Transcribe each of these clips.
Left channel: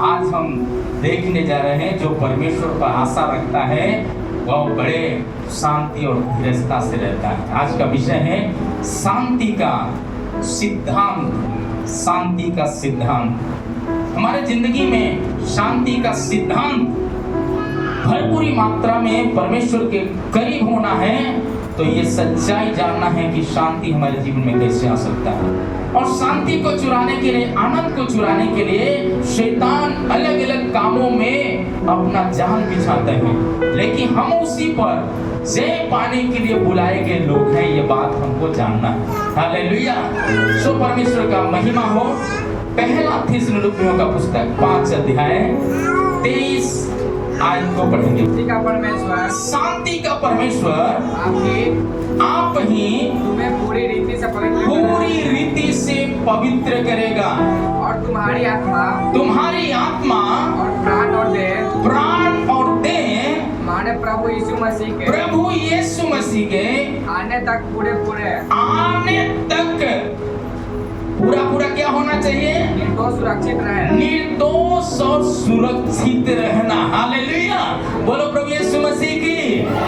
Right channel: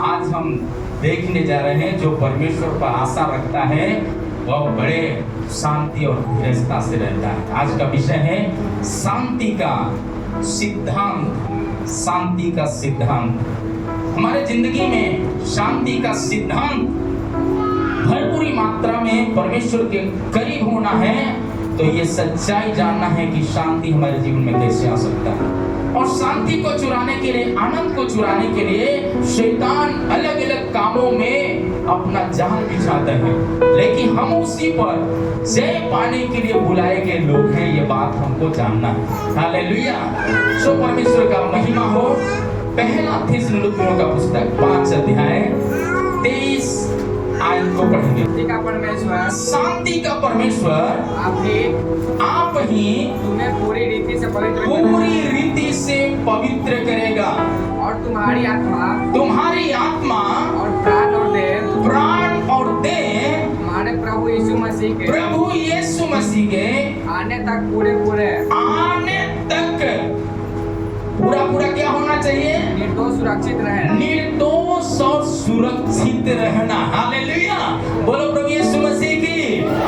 आज हम देखने जा रहे हैं जो परमेश्वर पर आशा रखता है वह बड़े शांति और धीरजता से रहता है। आज का विषय है शांति का सिद्धांत। शांति का सिद्धांत। हमारे जिंदगी में शांति का सिद्धांत भरपूरी मात्रा में परमेश्वर के करीब होना है तो ये सच्चाई जानना है कि शांति हमारे जीवन में कैसे आ सकता है। और शांति को चुराने के लिए, आनंद को चुराने के लिए शैतान अलग अलग कामों में अपना जाल बिछाता है, लेकिन हम उसी पर जय पाने के लिए बुलाए गए लोग हैं। ये बात हमको जानना है। हालेलुया। सो परमेश्वर का महिमा हो। पहला थिस्सलुनीकियों का पुस्तक 5 अध्याय 23 आयत को पढ़ेंगे। शांति का परमेश्वर, शांति का परमेश्वर आप ही तुम्हें पूरी रीति से पवित्र करेगा और तुम्हारी आत्मा और प्राण और देह हमारे प्रभु यीशु मसीह के आने तक पूरा क्या होना चाहिए? निर्दोष और सुरक्षित रहना। हालेलुया। बोलो प्रभु यीशु मसीह की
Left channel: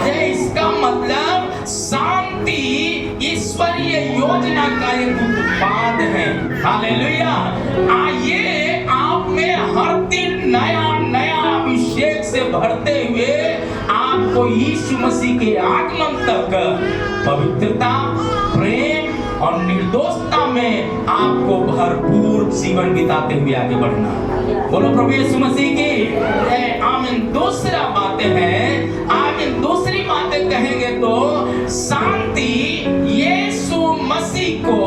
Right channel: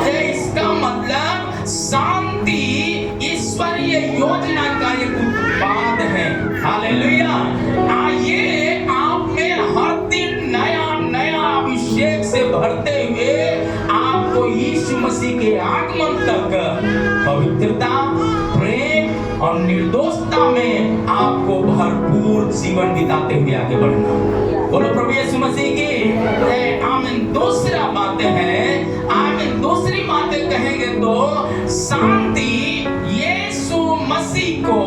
जय। इसका मतलब शांति ईश्वरीय योजना का एक उत्पाद है। हालेलुया। आइए आप में हर दिन नया अभिषेक से भरते हुए आपको यीशु मसीह के आगमन तक पवित्रता, प्रेम और निर्दोषता में आपको भरपूर जीवन बिताते हुए आगे बढ़ना। बोलो प्रभु यीशु मसीह की आमीन। दूसरी बातें कहेंगे तो शांति यीशु मसीह को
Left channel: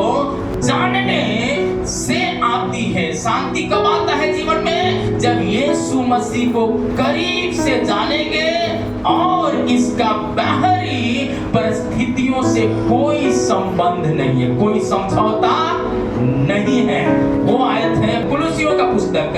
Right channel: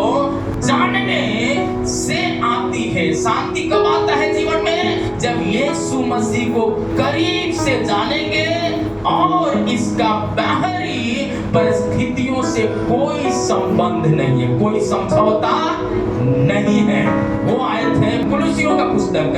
जानने से आती है। शांति कब आता है जीवन में? जब यीशु मसीह को करीब से जानेंगे और इसका बाहरी परिस्थितियों से कोई संबंध नहीं है, कोई समझौता नहीं है। वो आयत है कुलुसियों का पुस्तक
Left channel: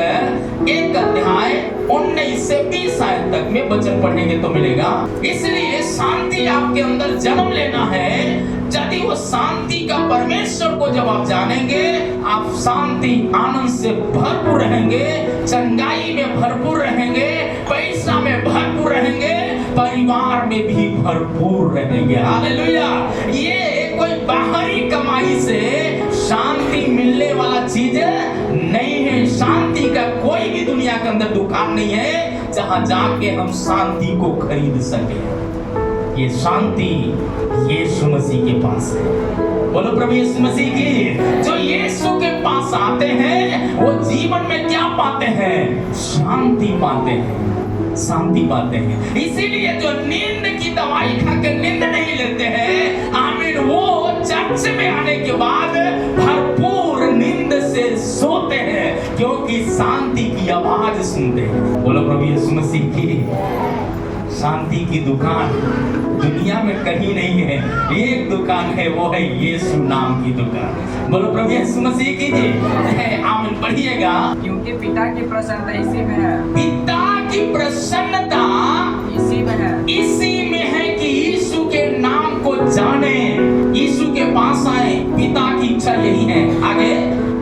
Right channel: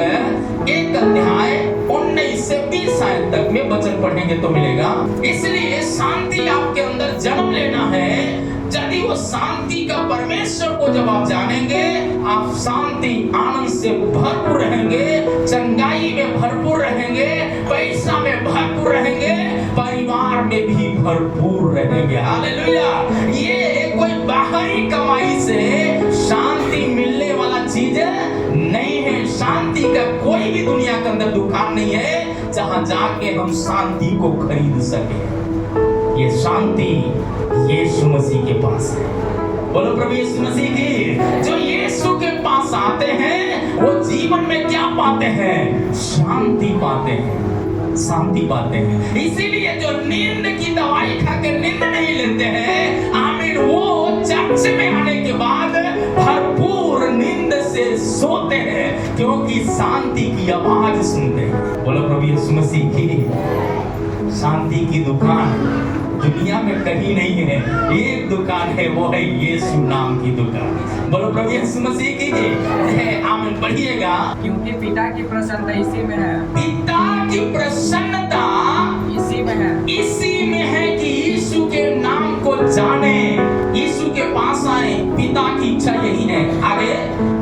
1 अध्याय 19 से 20 आयत तक में वचन पढ़ेंगे तो मिलेगा। इसलिए शांति आपके अंदर जन्म लेना है। यदि वो शांति का परमेश्वर को जब आप जानेंगे, आप शांति आनंद से भरपूर रहेंगे, चंगाई में भरपूर रहेंगे, पैसा में भरपूर रहेंगे, परिवार में भी भरपूर रहेंगे। हालेलुया। ये कोई बाहरी कमाई से शांति मिलने वाला चीज नहीं है। शांति का कोई भी दुनिया के अंदर दुकान नहीं है जहां जाके हम शांति को खरीद सके। ये शांति यीशु मसीह के पास है। बोलो प्रभु यीशु मसीह की। जो यीशु के पास आते हैं वो जीवन में क्या पाते हैं? शांति पाते हैं, शांति पाते हैं। इसीलिए जो नींद की दवाई खाकर नींद नहीं लेते हैं, आमीन, वो चर्च में आने के बाद भरपूर नींद से सोते हैं क्योंकि शांति की आवाज सुनते हैं। बोलो प्रभु यीशु मसीह की। शांति की दुकान दुनिया में कहीं नहीं है, एक दुकान है, वो है यीशु नाम की दुकान। बोलो प्रभु यीशु मसीह की जय। आमीन। पढ़िएगा। क्योंकि पिता की प्रसन्नता इसी में है। पिता की प्रसन्नता इसी में है कि यीशु के नाम को जाने, यीशु के पास आए। पिता की इच्छा यही है। आगे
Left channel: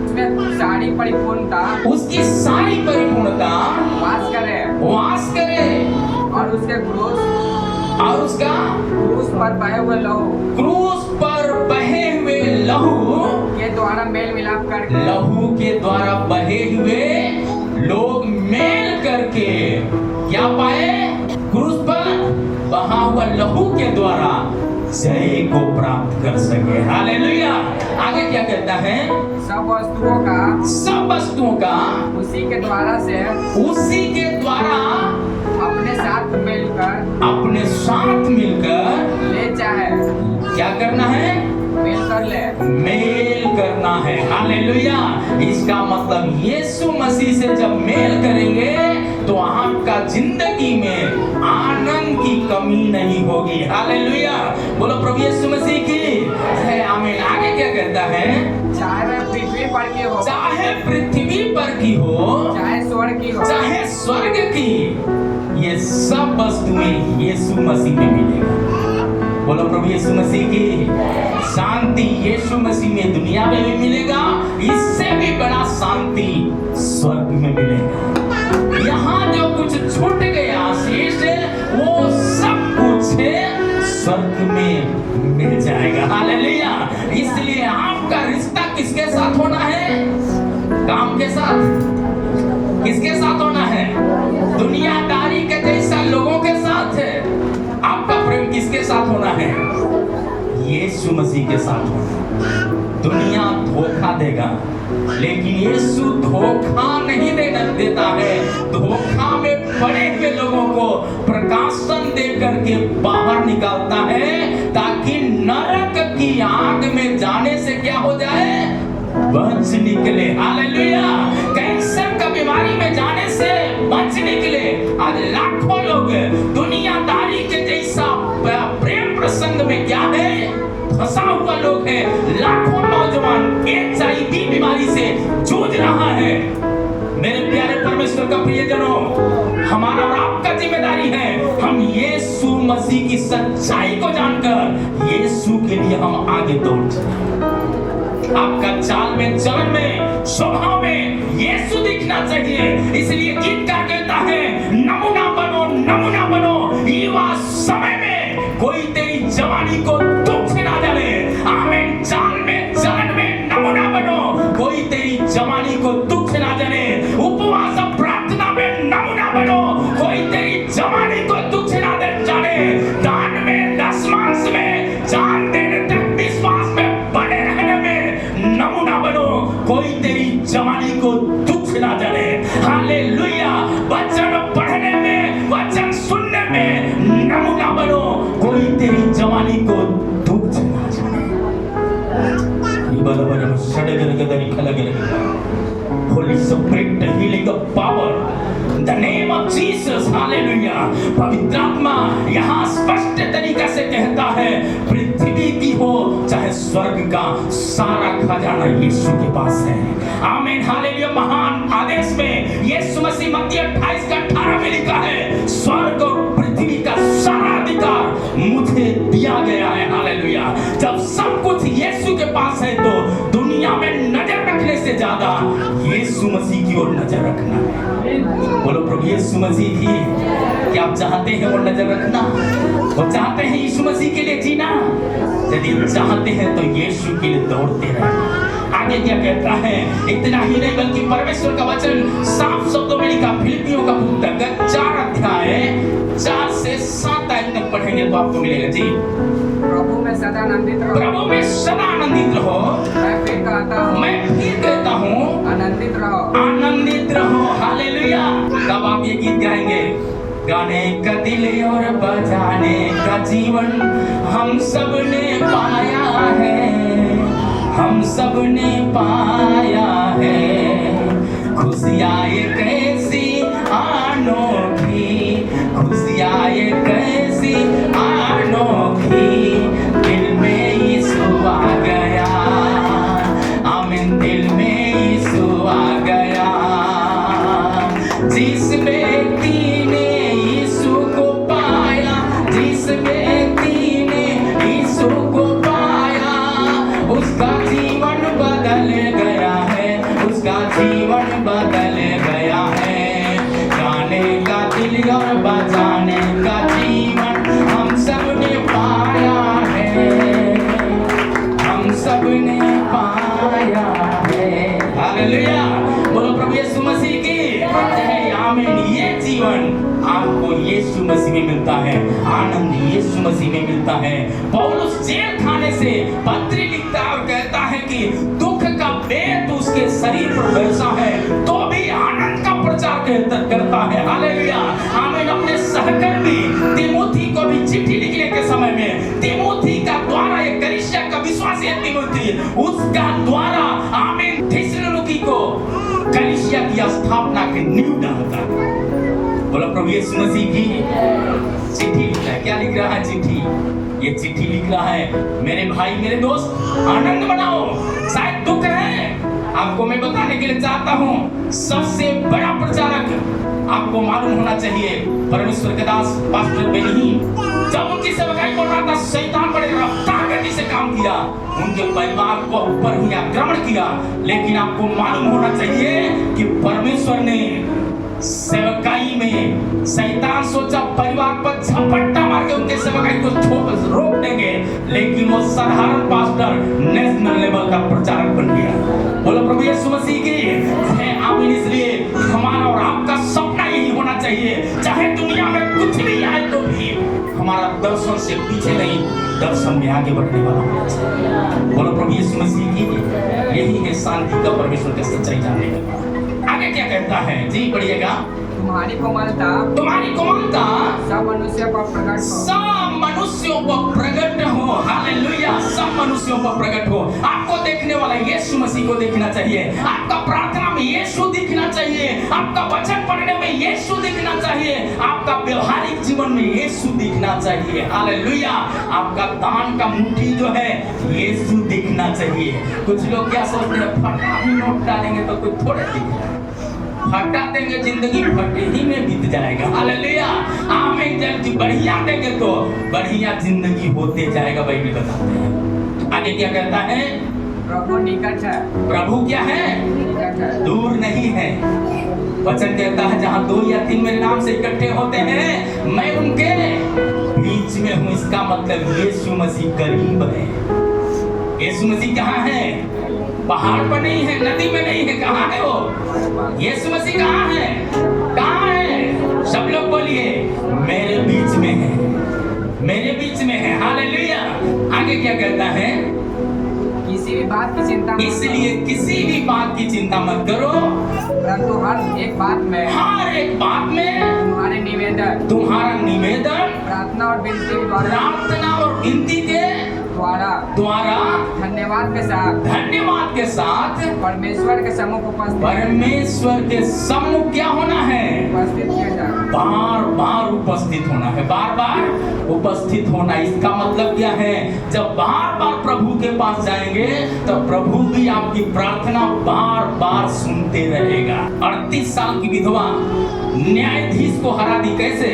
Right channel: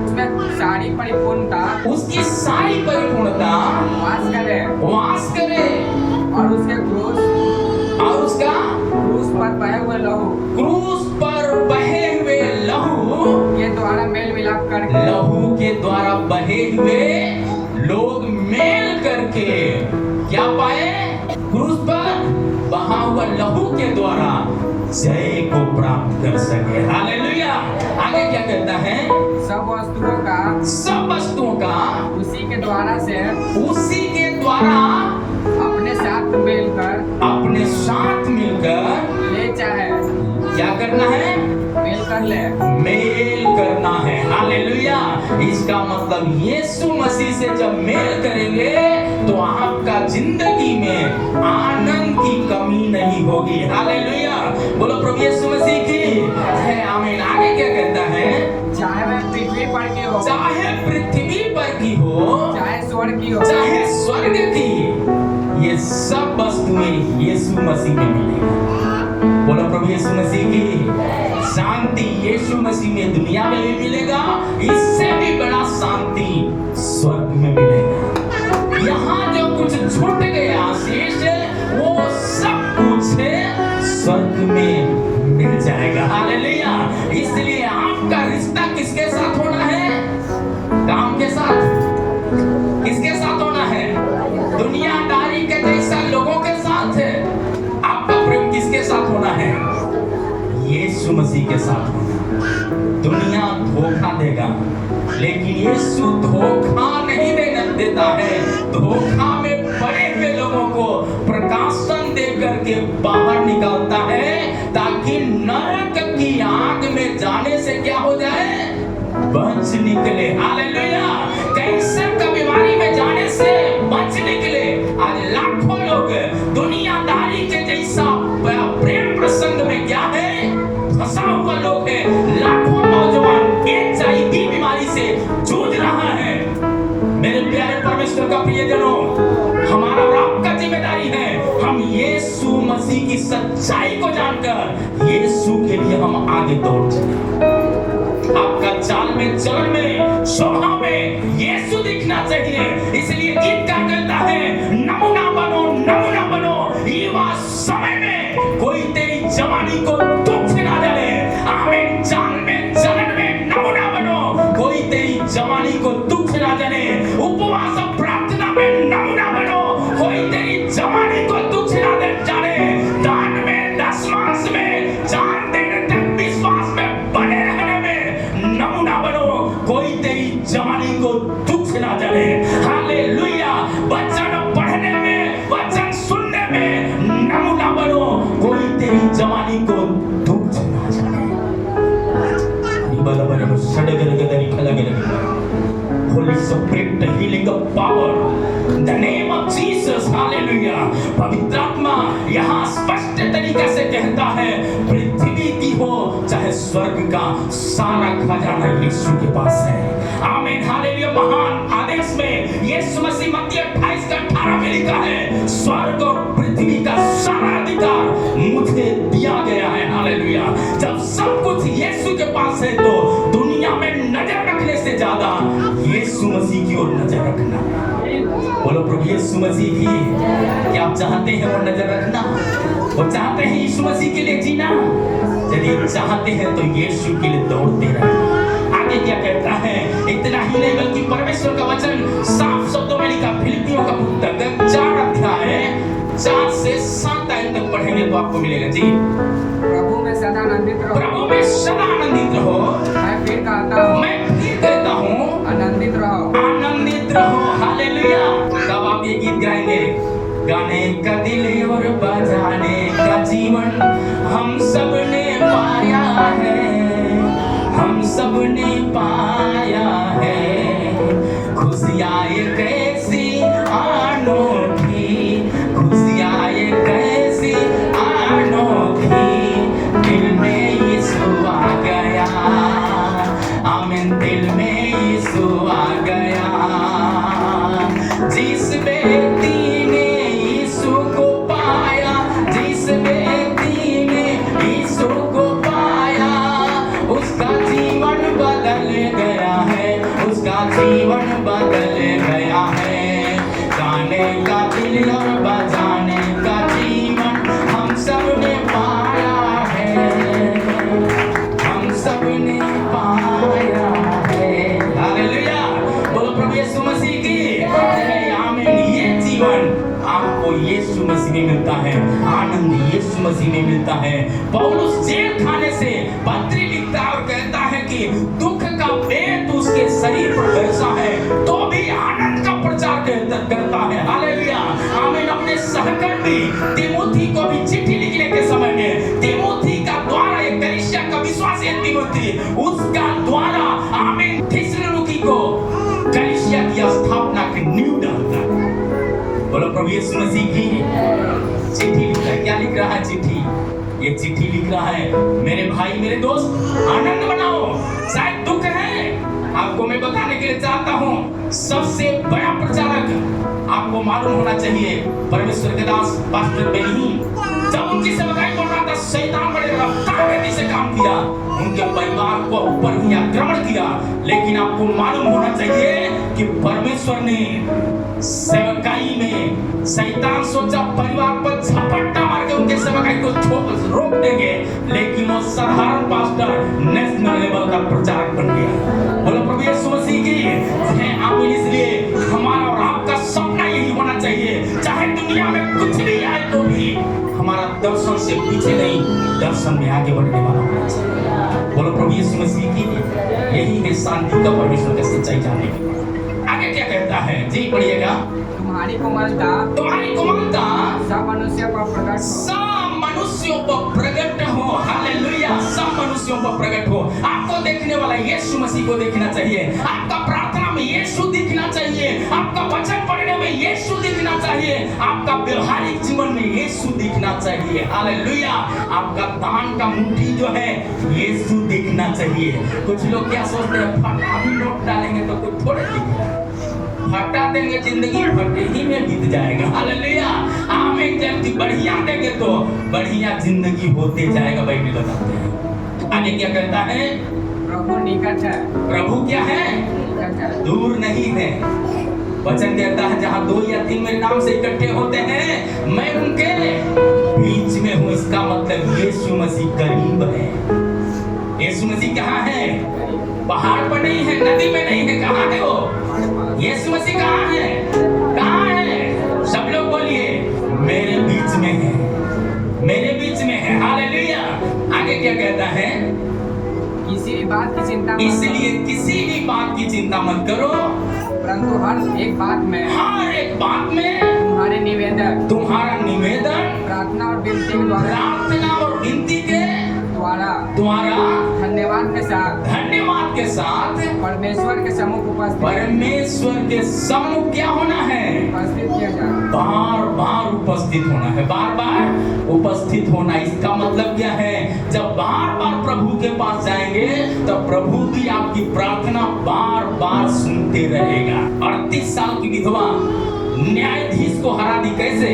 उसमें सारी परिपूर्णता, उसकी सारी परिपूर्णता वास करे और उसके क्रूस पर बहे हुए लहू के द्वारा मेल मिलाप करके, लहू के द्वारा बहे हुए लोग मेल करके क्या पाए? क्रूस पर बहा हुआ लहू के द्वारा जय को प्राप्त कर सके। हालेलुया। आगे क्या कहता है? सब वस्तुओं का उसी के द्वारा अपने साथ मिलकर ले चाहे क्या करना है? मेल करना है। हालेलुया। इसका मतलब यीशु मसीह से जब मेल करेंगे तो आपका जिंदगी में आनंद की कमी नहीं होगी। हालेलुया। बोलो प्रभु यीशु मसीह की जय। आमीन। आगे क्या कहता है? चाहे वह पृथ्वी पर की हो, चाहे स्वर्ग की, ये सब वस्तुएं यीशु मसीह में मिलेगा। बोलो प्रभु यीशु मसीह की शांति यीशु मसीह में दुनिया में भी मिलेगा, इससे भी बड़ा शांति स्वर्ग में मिलेगा। कुछ छूट गए आशीष, वो सब कुछ स्वर्ग में मिल जाएगा। हालेलुया। इसलिए आपका रिश्ता किसके साथ होना है? काम के साथ? किसके साथ होना है? दुनियादारी के जैसा लोगों के साथ है। आपका प्रेम किसके साथ होना है? यीशु मसीह के साथ होना। दुनिया धोखा देगा, लेकिन यीशु धोखा नहीं देता है। धोखा में पड़े हुए लोगों को प्रकाशन दे करके बाहर निकालता है, ताकि नरक की आग में जाने से क्या हो जाए? बच निकले। हालेलुया। कैंसर का बीमारी में जाने से बच निकले। आज लाखों लोग दुनियादारी के जैसा प्रेम प्रसंग में क्या है? फंसा हुआ लोग है। लाखों नौजवान HIV बीमारी से जूझ रहा है। मेरे प्यारे परमेश्वर का प्रियजनों, हमारा और आपका जिम्मेदारी है, हम यीशु मसीह की सच्चाई को जानकर यीशु के लिए हम आगे दौड़ चले। आपका चाल में, चलन में, स्वभाव में यीशु दिखना चाहिए। इसलिए गीतकार कहता है, नमूना बनो, नमूना बनो, युवा समय में कोई तेरी जवानी को दुख ना जाने। आमीन। चाल में, चलन में नमूना बनो, कोई तेरी जवानी को दुख ना जाने। उपवास प्रार्थना में नमूना बनो, कोई तेरी जवानी को दुख ना जाने। दान में, दशमांश में, जान देने तक विश्वास में बने रहने में नमूना बनो, कोई तेरी जवानी को दुख ना जाने। हालेलुया। वचन पढ़ने में, वचन सुनने में नमूना बनो, कोई तेरी जवानी को दुख ना जाने। Holy Spirit, the healing of power, in the name of Jesus, hallelujah. पवित्र आत्मा यहाँ स्पष्ट तरीका से कहता है, पृथ्वी की हो चाहे स्वर्ग का, सारा खजाना यीशु के पास है। आमीन। हालेलुया। महान आदेश में यीशु मसीह मत्ती 28:18 में लिखा है, स्वर्ग और पृथ्वी का सारा अधिकार मुझे दिया गया है। हालेलुया। जब सब कुछ यीशु के पास है, तो दुनिया में नजर रखने से ज्यादा यीशु मसीह की ओर नजर रखना। बोलो प्रभु यीशु मसीह की। क्या आप चाहते हैं वो नजर रखना? वो चाहते हैं यीशु मसीह के लिए जीना? यदि आप चाहते हैं तो यीशु के लिए दौड़ते रहना। आगे क्या कहता है? इतना ही नहीं बल्कि परमेश्वर का वचन साफ शब्दों में लिखा। फिलिपियों का पुस्तक 4 अध्याय 4 से 7 आयत तक पढ़ेंगे तो आपको मिलेगा। जी। प्रभु में सदा आनंदित रहो। प्रभु में सदा आनंदित रहो। मैं फिर कहता हूँ आनंदित रहो। आनंदित रहो। हालेलुया। तब आप ये गीत गाएंगे, गाने का दिल और बजाने का जीवन हम सब ने पाया है, हम सब ने पाया है। खुशियाँ ये कैसी अनोखी, खुशियाँ ये कैसी अनोखी, दिल में यीशु आ गया। आमीन। दिल में यीशु आ गया। जिस व्यक्ति ने यीशु को पाया, जिस व्यक्ति ने यीशु को पाया, उसका जीवन बदल गया है, उसका जीवन बदल गया है। गाने का दिल और बजाने का जीवन हम सब ने पाया है, हम सब ने पाया है। हालेलुया। बोलो प्रभु यीशु मसीह की। आमीन। ये जीवन आपको यीशु मसीह में मिलता है, आनंद यीशु मसीह में मिलता है। पौलुस जेल खाने से पत्री लिखता है और कहता है कि दुख का वेग उसके शरीर पर वैसा है, तो भी आनंद का प्रचार करता है। हालेलुया। आमीन। अपने सहकर्मी तीमुथी को भी चिट्ठी लिखने के समय में तीमुथी का द्वारा, एक कलीसिया का विश्वासी है तीमुथी, उसका द्वारा आमीन थिस्सलुनीकि को कलीसिया की स्थापना की नींव डालता है। बोलो प्रभु यीशु मसीह की। चिट्ठी लिख रहा है। क्या लिख रहा है चिट्ठी? ये चिट्ठी लिख रहा है, मेरे भाई मेरे दोस्त आनंद मनाओ। शायद दुख है, आपको मैं बताने के लिए चाहता हूँ, सबसे बड़ा प्रचारक आपको मालूम होना चाहिए परमेश्वर के दास पास्टर बेनी। जब उनकी सेवकाई कर रहा था, शैतान बड़े रफ्तार गति से काम किया, उनके परिवार को ऊपर ही आक्रमण किया। लेकिन आपको मालूम होना चाहिए कि परमेश्वर ने सेवकाई में शैतान सोचा परिवार पर झपट्टा मार के उनके सेवकाई को रोक देंगे, लेकिन वो साधारण पास्टर नेशनल लेवल का प्रचारक बन गया। बोलो प्रभु यीशु मसीह की जय। आमीन। इसलिए हमारा और आपका सपना यही होना चाहिए, चाहे दुनिया में कुछ भी आए तो भी हमारा दर्शन से पीछे नहीं, दर्शन में आगे बढ़ने वाला होना चाहिए। बोलो प्रभु यीशु मसीह की। यही है शांति का परमेश्वर का सच्चाई जानने के बाद। आगे क्या कहता है जी, पढ़िएगा। तुम्हारी कोमलता सब मनुष्यों पर प्रकट हो। सब मनुष्यों पर प्रकट हो। हालेलुया। सब मनुष्यों पर प्रकट हो। आपको देखने वाला यीशु मसीह को देखना चाहिए, आपका प्रार्थना में यीशु दिखना चाहिए, आपका वचन पढ़ने में यीशु दिखना चाहिए, आपका व्यवहारिक जीवन में यीशु दिखना चाहिए। हालेलुया। आपका दान का मुट्ठी जो है यीशु दिखना चाहिए। कुछ लोग क्या सोचते हैं, फटा भी नोट डालेंगे तो कुछ थोड़े दिखेगा, फटा देंगे जिंदगी फटे ही में बीत जाएगा। हालेलुया। आमीन। जब बढ़िया देंगे तो बढ़िया जिंदगी होते जाएगा। बाइबल बताते हैं। आगे क्या कहता है, प्रभु निकट है। प्रभु क्या है, निकट है, दूर नहीं है। वचन कहता है जहां 2 या 3 मेरे नाम से इकट्ठे होते हैं, मैं उनके बीच में हूं। इसका मतलब यीशु मसीह करीब है। यीशु मसीह कहाँ है, पहाड़ पर नहीं है, नदी में नहीं है, कहाँ है वो? यीशु मसीह कहाँ है, कहाँ है? सब लोग बोलिए, मेरे बीच में है, मेरे बीच में है। हालेलुया। आगे क्या कहता है, किसी भी बात की चिंता मत करो। इसलिए किसी भी बात की चिंता मत करो, परंतु हर एक बात में तुम्हारा निवेदन प्रार्थना और विनती के द्वारा धन्यवाद के साथ परमेश्वर के सम्मुख क्या होना है, उपस्थित किया जाए। बार उपस्थित होना है, बार उपस्थित होना। इसका मतलब क्या है, जब बार प्रभु के पास जाएंगे तो प्रभु भी आपकी प्रार्थना बार सुनते रहेगा। 38 साल की विधवा न्यायाधीश को हरा दी कैसे,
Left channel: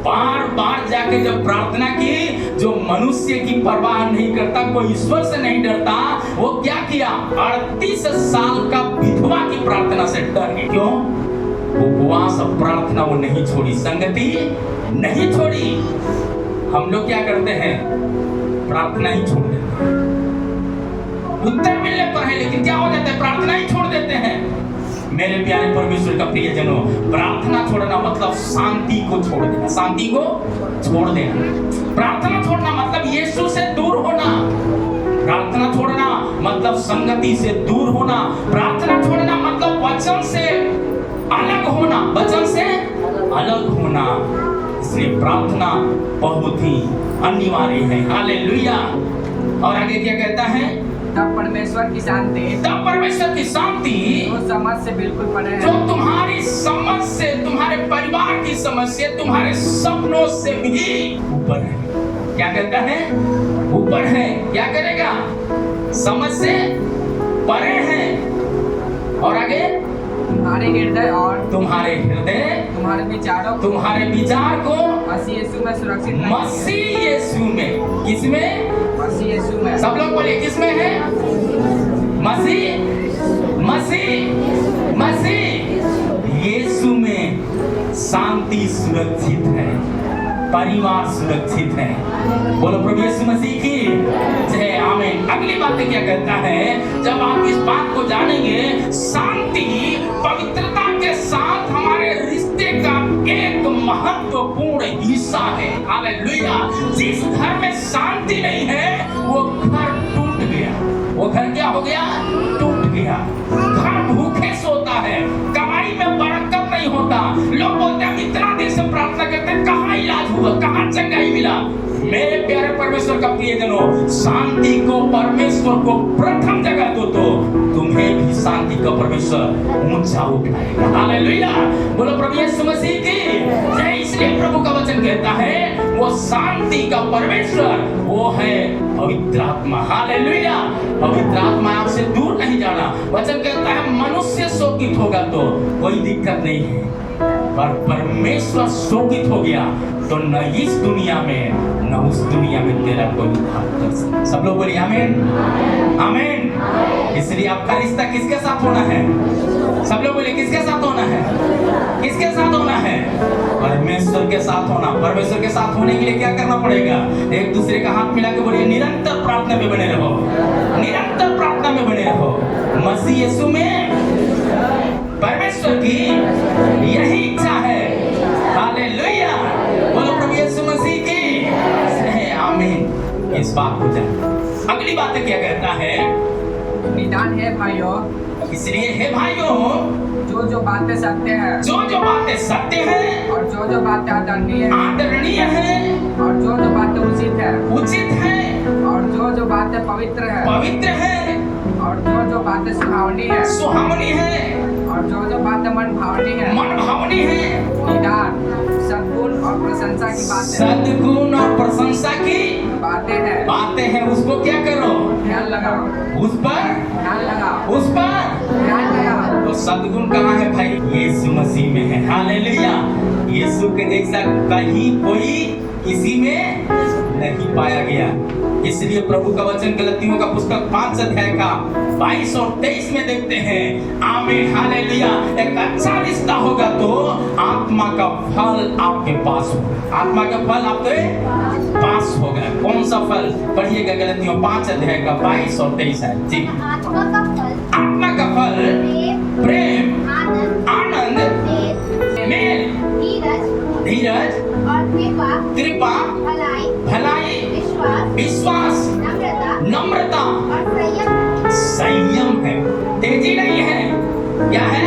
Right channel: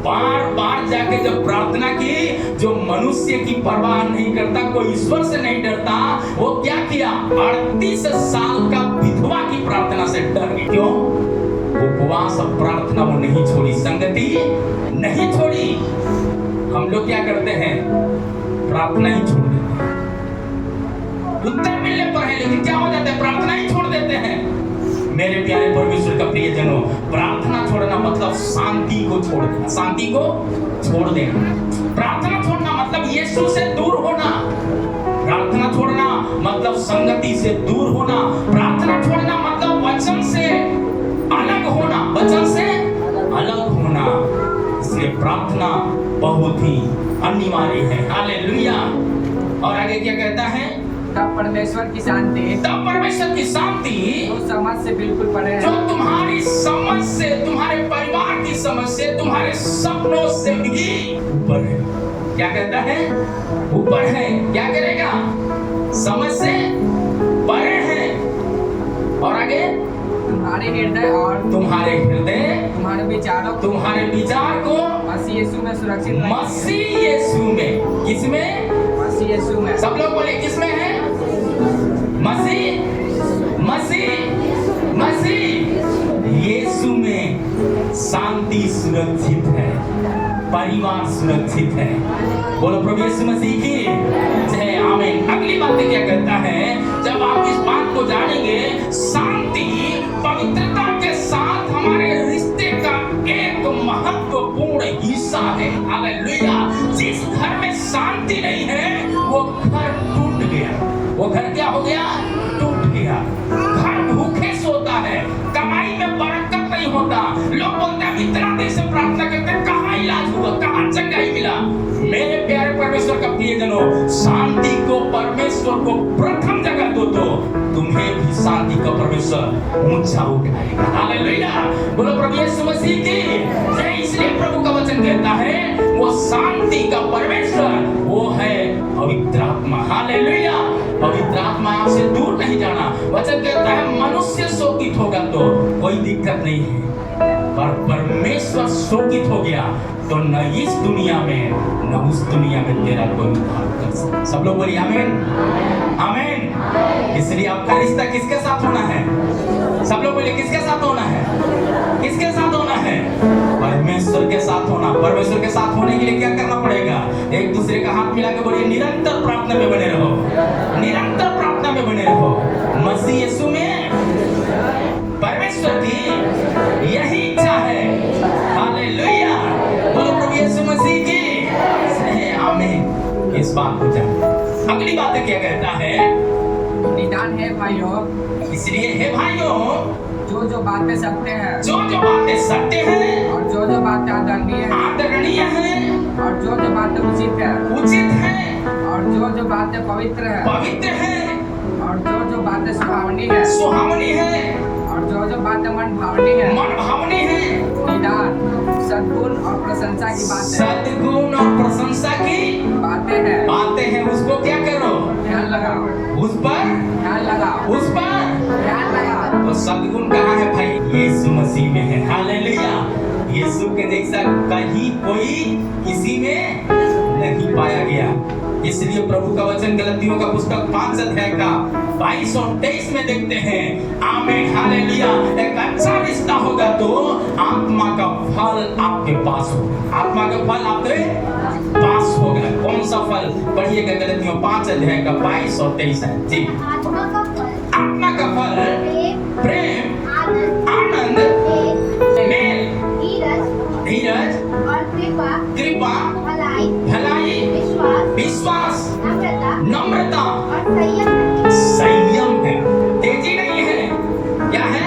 बार जाके जब प्रार्थना की, जो मनुष्य की परवाह नहीं करता, कोई ईश्वर से नहीं डरता, वो क्या किया, 38 साल का विधवा की प्रार्थना से डर गई। क्यों? उपवास और प्रार्थना वो नहीं छोड़ी, संगति नहीं छोड़ी। हम लोग क्या करते हैं, प्रार्थना ही छोड़ देते हैं। उत्तर मिलने पर है, लेकिन क्या हो जाता है, प्रार्थना ही छोड़ देते हैं। मेरे प्यारे परमेश्वर का प्रियजनों, प्रार्थना छोड़ना मतलब शांति को छोड़ देना, शांति को छोड़ देना। प्रार्थना छोड़ना मतलब यीशु से दूर होना, प्रार्थना छोड़ना मतलब संगति से दूर होना, प्रार्थना छोड़ना मतलब वचन से अलग होना, वचन से अलग होना। इसलिए प्रार्थना बहुत ही अनिवार्य है। हालेलुया। और आगे क्या कहता है, तब परमेश्वर की शांति जो समझ से बिल्कुल परे है, जो तुम्हारी समझ से, तुम्हारे परिवार की समझ से, तुम्हारे सपनों से भी ऊपर है। क्या कहता है, ऊपर है। क्या करेगा, समझ से परे है। और आगे तुम्हारे हृदय तुम्हारे विचार को मसीह यीशु में सुरक्षित रखेंगे। मसीह यीशु में, किसमें, मसीह यीशु में। सब लोग बोलिए, किसमें है, मसीह यीशु में शांति सुरक्षित है, परिवार सुरक्षित है। बोलो प्रभु यीशु मसीह की जय। आमीन। अगली बात क्या कहता है, जब आप इस बात को जानेंगे, शांति पवित्रता के साथ हमारे रिश्ते का एक महत्वपूर्ण हिस्सा है। हालेलुया। जिस घर में शांति नहीं है, वो घर टूट गया। वो घर क्या हो गया, टूट गया। घर भूखे सोता है, कमाई में बरकत नहीं होता। लोग बोलते हैं इतना दिन से प्रार्थना करते हैं, कहाँ इलाज हुआ, कहाँ चंगाई मिला। मेरे प्यारे परमेश्वर का प्रियजनों, शांति को, परमेश्वर को प्रथम जगह दो तो तुम्हें भी शांति का परमेश्वर ऊंचा उठाएगा। हालेलुया। बोलो प्रभु यीशु मसीह की जय। इसलिए प्रभु का वचन कहता है, वो शांति का परमेश्वर वो है पवित्र आत्मा। हालेलुया। पवित्र आत्मा आपसे दूर नहीं जाना। वचन कहता है, मनुष्य शोकित होगा तो कोई दिक्कत नहीं है, पर परमेश्वर शोकित हो गया तो न इस दुनिया में न उस दुनिया में तेरा कोई उद्धार कर सकता। सब लोग बोलिए आमीन, आमीन। इसलिए आपका रिश्ता किसके साथ होना है, सब लोग बोलिए किसके साथ होना है, किसके साथ होना है, परमेश्वर के साथ होना। परमेश्वर के साथ होने के लिए क्या करना पड़ेगा? एक दूसरे का हाथ मिला के बोलिए, निरंतर प्रार्थना में बने रहो, निरंतर प्रार्थना में बने रहो। मसीह यीशु में परमेश्वर की यही इच्छा है। हालेलुया, बोलो प्रभु यीशु मसीह की आमीन। इस बात को जान। अगली बात क्या कहता है? निदान है भाइयों, इसलिए हे भाइयों, जो बातें सत्य हैं, जो बातें सत्य हैं, और जो बातें आदरणीय हैं, और जो बातें उचित हैं, और जो बातें पवित्र है, और जो बातें सुहावनी है, और जो बातें मन भावनी है, निदान सद्गुण और प्रशंसा की बातें हैं, उसको क्या करो? ध्यान लगाओ, उस पर ध्यान लगाओ। तो सद्गुण कहाँ है भाई? यीशु मसीह में है। हालेलुया, यीशु के जैसा कहीं कोई किसी में नहीं पाया गया। इसलिए प्रभु का वचन गलतियों का पुस्तक 5 अध्याय का 22 और 23 में देखते हैं। आमीन, हालेलुया। एक अच्छा रिश्ता होगा तो आत्मा का फल आपके पास हो, आत्मा का फल आपके पास होगा। कौन सा फल? पढ़िएगा गलतियों 5 अध्याय का 22 और 23 है जी। आत्मा का फल प्रेम, आनंद, मेल, धीरज, कृपा, भलाई, विश्वास, नम्रता, संयम है। तेजी नहीं है, क्या है?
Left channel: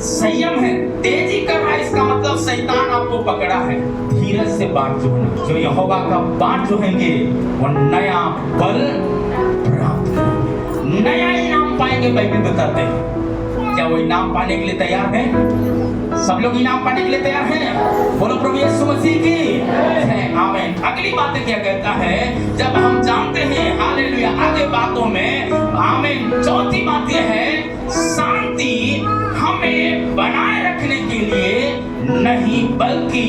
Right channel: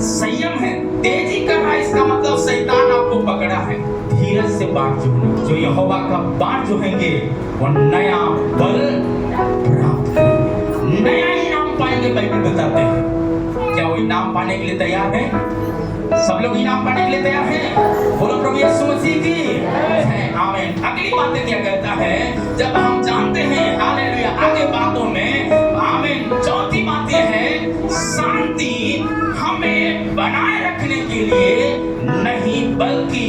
संयम है। तेजी कर रहा है, इसका मतलब शैतान आपको पकड़ा है। धीरज से बात जोड़ना। जो यहोवा का बात जोड़ेंगे वो नया बल प्राप्त करेंगे, नया इनाम पाएंगे। बाइबल बताते हैं। क्या वो इनाम पाने के लिए तैयार है? सब लोग इनाम पाने के लिए तैयार हैं? बोलो प्रभु यीशु मसीह की आमीन। अगली बात क्या कहता है? जब हम जानते हैं, हालेलुया, आगे बातों में आमीन। चौथी बात यह है, शांति हमें बनाए रखने के लिए नहीं बल्कि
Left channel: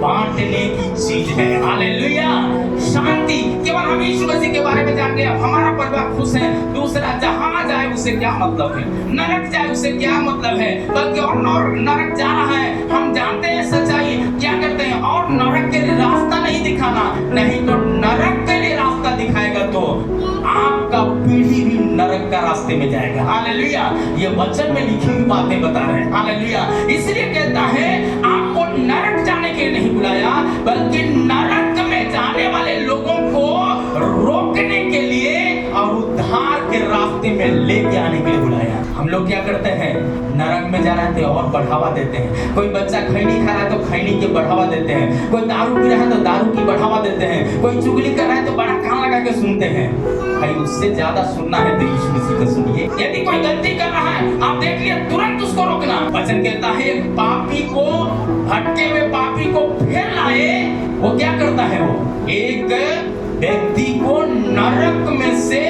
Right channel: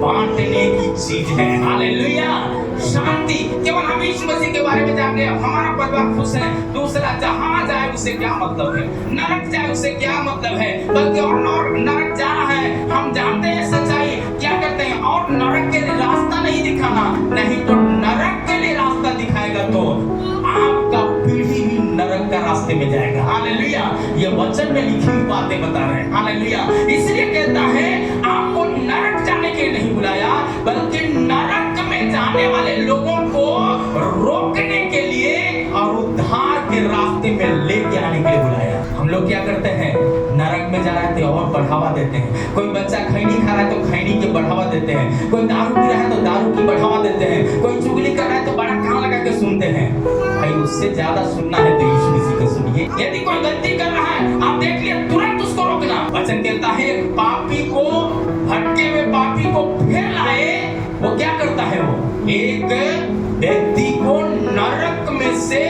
बांटने की चीज है। हालेलुया, शांति केवल हम यीशु मसीह के बारे में जान के हमारा परिवार खुश है, दूसरा जहां जाए उसे क्या मतलब है, नरक जाए उसे क्या मतलब है, बल्कि और नरक जा रहा है। हम जानते हैं सच्चाई, क्या करते हैं? और नरक के लिए रास्ता नहीं दिखाना, नहीं तो नरक के लिए रास्ता दिखाएगा तो आपका पीढ़ी भी नरक का रास्ते में जाएगा। हालेलुया, ये वचन में लिखी हुई बातें बता रहे हैं। हालेलुया, इसलिए कहता है आपको नरक जाने के लिए नहीं बुलाया, बल्कि नरक में जाने वाले लोगों को रोकने के लिए और उद्धार के रास्ते में लेके आने के लिए बुलाया। हम लोग क्या करते हैं? नरक में जा रहे हैं तो और बढ़ावा देते हैं। कोई बच्चा खैनी खा रहा है तो खैनी के बढ़ावा देते हैं। कोई दारू पी रहा है तो दारू की बढ़ावा देते हैं। कोई चुगली कर रहा है तो बड़ा कान लगा के सुनते हैं। भाई उससे ज्यादा सुनना है तो यीशु मसीह को सुनिए। यदि कोई गलती कर रहा है, आप देख लिया, तुरंत उसको रोकना। वचन कहता है एक पापी को, भटके हुए पापी को फिर लाए, वो क्या करता है? वो एक व्यक्ति को नरक में से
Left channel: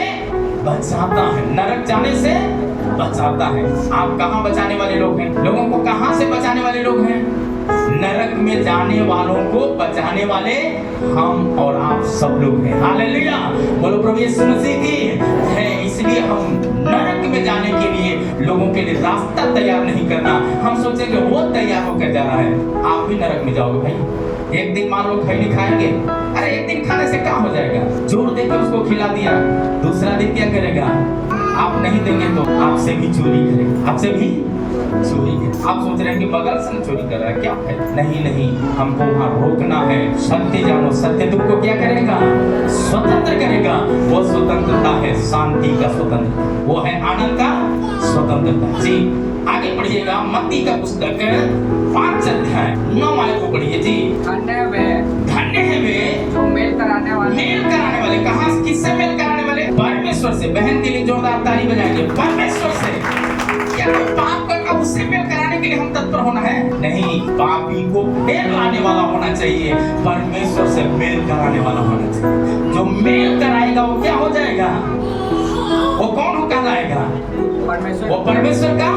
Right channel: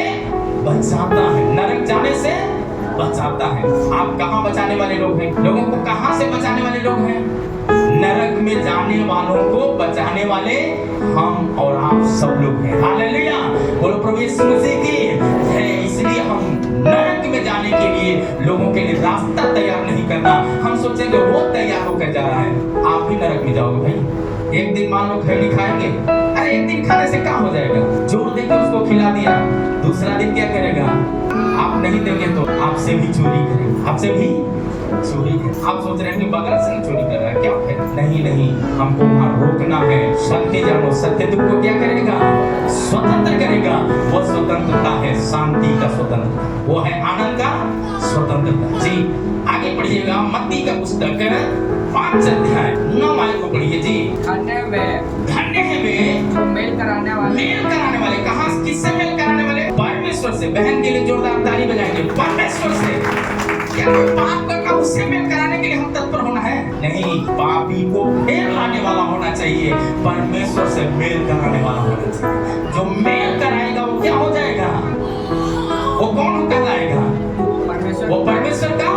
बचाता है, नरक जाने से बचाता है। आप कहां बचाने वाले लोग हैं? लोगों को कहां से बचाने वाले लोग हैं? नरक में जाने वालों को बचाने वाले हम और आप सब लोग हैं। हालेलुया, बोलो प्रभु यीशु मसीह की है। इसलिए हम नरक में जाने के लिए लोगों के लिए रास्ता तैयार नहीं करना। हम सोचेंगे वो तैयार होकर जा रहा है, आप भी नरक में जाओगे। भाई एक दिन मान लो खैनी खाएंगे, अरे एक दिन खाने से क्या हो जाएगा? जोर देकर उसको खिला दिया, दूसरा दिन क्या करेगा? आप नहीं देंगे तो आपसे भी चोरी करेगा, आपसे भी चोरी करेगा। आप सोच रहे हैं कि बगल से चोरी कर रहा है, क्या है? नहीं, हमको वहां रोकना है। सत्य जानो, सत्य तुमको क्या करेगा? स्वतंत्र करेगा। वो स्वतंत्रता है शांति का स्वतंत्र, वो है आनंद का स्वतंत्रता। जी आगे पढ़िएगा, मत्ती का पुस्तक 5 अध्याय 9 वाले को पढ़िए जी। धन्य है वे जो मेल कराने वाले। कहाँ, किससे मेल कराने वाले? परमेश्वर से। बहन के लिए जोरदार ताली बजाएंगे। परमेश्वर से। क्या कोई पाप करना उससे मेल कराने के लिए हम तत्पर होना है? नहीं, पापी को फिर लाने वाला होना चाहिए, परमेश्वर से मेल कराने वाला होना चाहिए। जो मेल कराएगा वो क्या हो जाएगा? वो कौन कहलाएगा? वो परमेश्वर का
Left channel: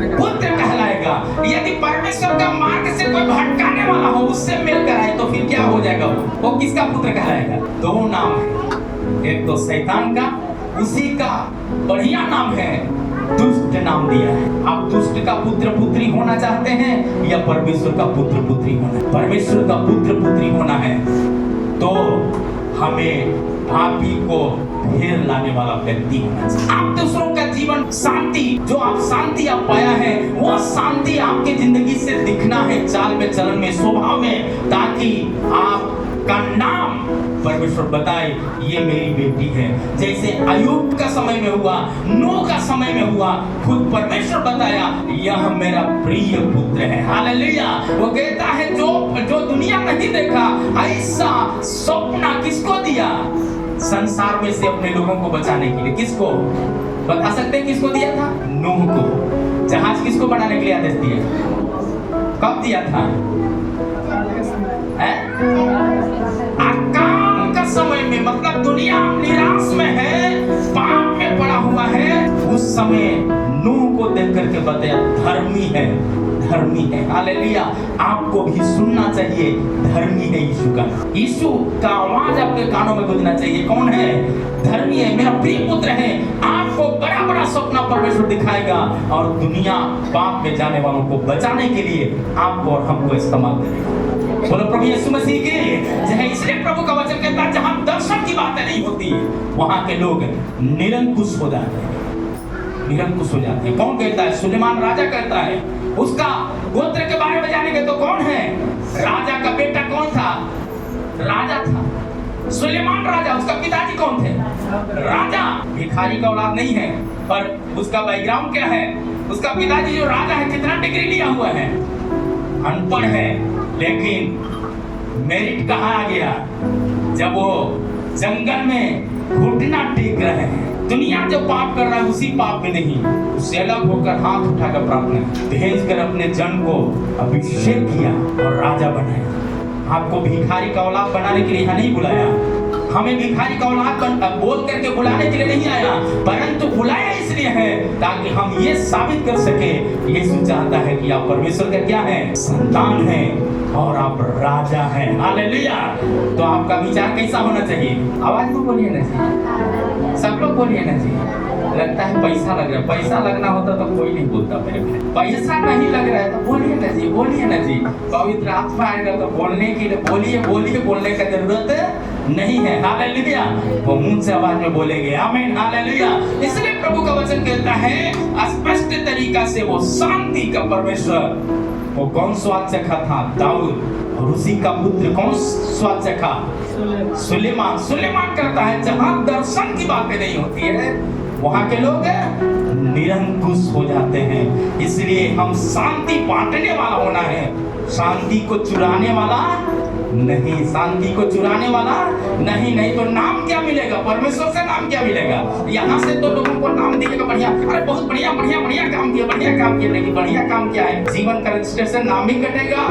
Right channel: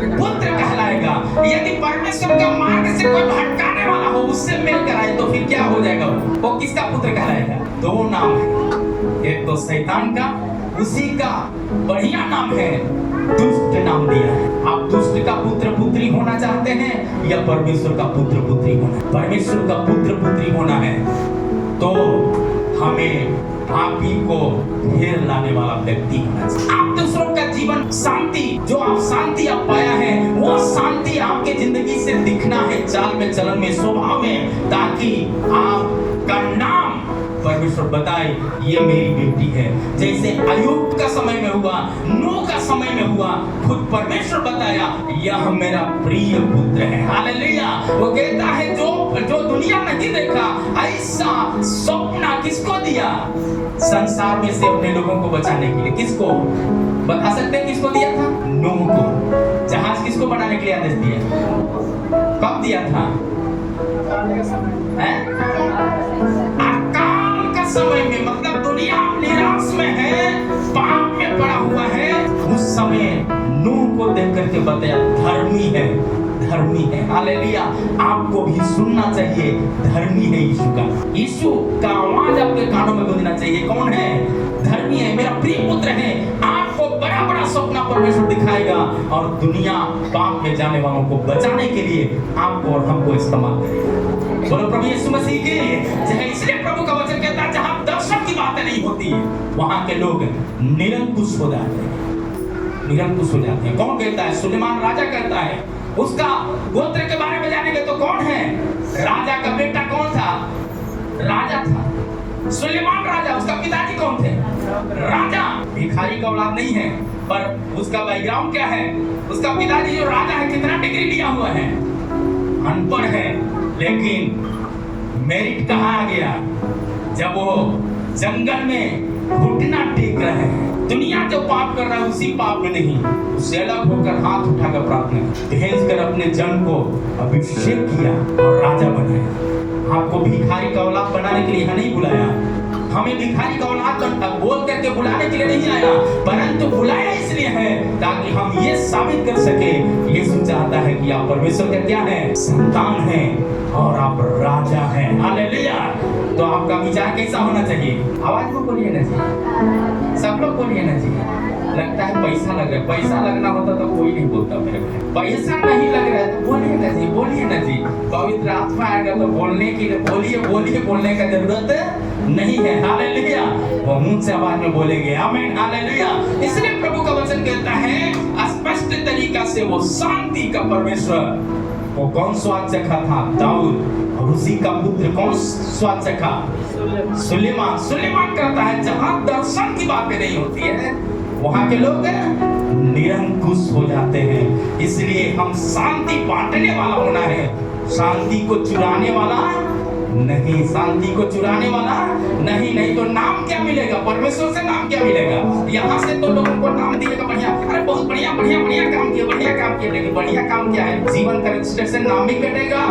पुत्र कहलाएगा। यदि परमेश्वर का मार्ग से कोई भटकाने वाला हो, उससे मेल कराए तो फिर क्या हो जाएगा? वो किसका पुत्र कहलाएगा? 2 नाम है, एक तो शैतान का, उसी का बढ़िया नाम है दुष्ट नाम दिया है। आप दुष्ट का पुत्र पुत्री होना चाहते हैं या परमेश्वर का पुत्र पुत्री होना? परमेश्वर का पुत्र पुत्री होना है तो हमें पापी को घेर लाने वाला व्यक्ति होना चाहिए। आप दूसरों का जीवन शांति, जो आप शांति आप पाया है, वो शांति आपके जिंदगी से दिखना है, चाल में, चलन में, स्वभाव में, ताकि आपका नाम परमेश्वर बताए ये मेरी बेटी है। जैसे अय्यूब का समय में हुआ, नूह का समय में हुआ, खुद परमेश्वर बताया यह मेरा प्रिय पुत्र है। हालेलुया। वो कहता है जो दुनिया नहीं देखा ऐसा सपना किसको दिया? संसार में से अपने लोगों को बचाने के लिए। किसको बता सकते हैं? किसको दिया था? नूह को। जहाज किसको बनाने के लिए आदेश दिया? कब दिया था? अकाल का समय में, मतलब दुनिया निराश में है, पाप में पड़ा हुआ है, उस समय नूह को देख करके बताया धर्मी है, धर्मी है। हालेलुया। आपको भी सुनना चाहिए, धर्मी है यीशु का। यीशु का आवाज आपके कानों में गूंजना चाहिए। कौन है? धर्मी है, मेरा प्रिय पुत्र है। आपको बड़ा बड़ा सपना परमेश्वर दिखाएगा और दुनिया पाप में जाने वालों को बचाने के लिए आपको और हमको इस्तेमाल करेगा। बोलो प्रभु यीशु मसीह की जय। इसलिए प्रभु का वचन कहता है जहां दर्शन की बातें नहीं होती वहां के लोग निरंकुश हो जाते हैं, निरंकुश हो जाते हैं। कौन कहता है? सुलेमान राजा कहता है। उसका गोत्र के बारे में जानेंगे तो कौन है? राजा का बेटा कौन था? राजा था सुलेमान राजा। उसका पिताजी कौन थे? राजा। भिखारी का औलाद नहीं है, पर उसका बैकग्राउंड क्या है? उसका पिताजी जो राजा है, कितना डिग्री लिया हुआ है? अनपढ़ है, लेकिन मेरिट कहाँ आ गया? जब वो जंगल में घुटना टेक रहे हैं। दुनिया जो पाप कर रहा है उसी पाप में नहीं, उससे अलग होकर हाथ उठाकर प्रार्थना भेज कर अपने जन को अभिषेक किया और राजा बनाया। आपको भिखारी का औलाद बनाने के लिए यहाँ नहीं बुलाया। हमें भिखारी का औलाद बोल करके बुलाने के लिए नहीं आया, परंतु बुलाया इसलिए है ताकि हम ये साबित कर सके यीशु चाहता है कि आप परमेश्वर का क्या है? संतान है और आप राजा हैं। हालेलुया। तो आपका विचार कैसा होना चाहिए? आवाज में बोलिए ना जी, सब लोग बोलिए ना जी। लगता है पैसा लग रहा है, पैसा लगना होता तो कोई नहीं बोलता मेरे भाई। पैसा नहीं लग रहा है तो बोलिए ना जी, बोलिए ना जी। पवित्र आत्मा आएगा तो बोलने की बोलिए, बोलिए, बोलने का जरूरत नहीं है। हालेलुया। वो मुंह से आवाज में बोलेंगे आमीन। हालेलुया। इसलिए प्रभु का वचन कहता है स्पष्ट तरीका से वो शांति का परमेश्वर, वो कौन स्वाद चखा था? दाऊद। और उसी का पुत्र कौन स्वाद चखा? सुलेमान। सुलेमान करता है जहां दर्शन की बातें नहीं होती है वहां के लोग निरंकुश हो जाते हैं। इसलिए हम शांति बांटने वाला होना है, शांति को चुराने वाला नहीं, शांति को चुराने वाला नहीं। नहीं तो नाम क्या मिलेगा? परमेश्वर से नाम क्या मिलेगा? यहाँ से तो लोगों को नाम दिएगा बढ़िया, अरे बहुत बढ़िया बढ़िया बढ़िया काम किया, बढ़िया काम किया। लेकिन बढ़िया काम क्या है? जीवन का रजिस्ट्रेशन नाम ही कटेगा।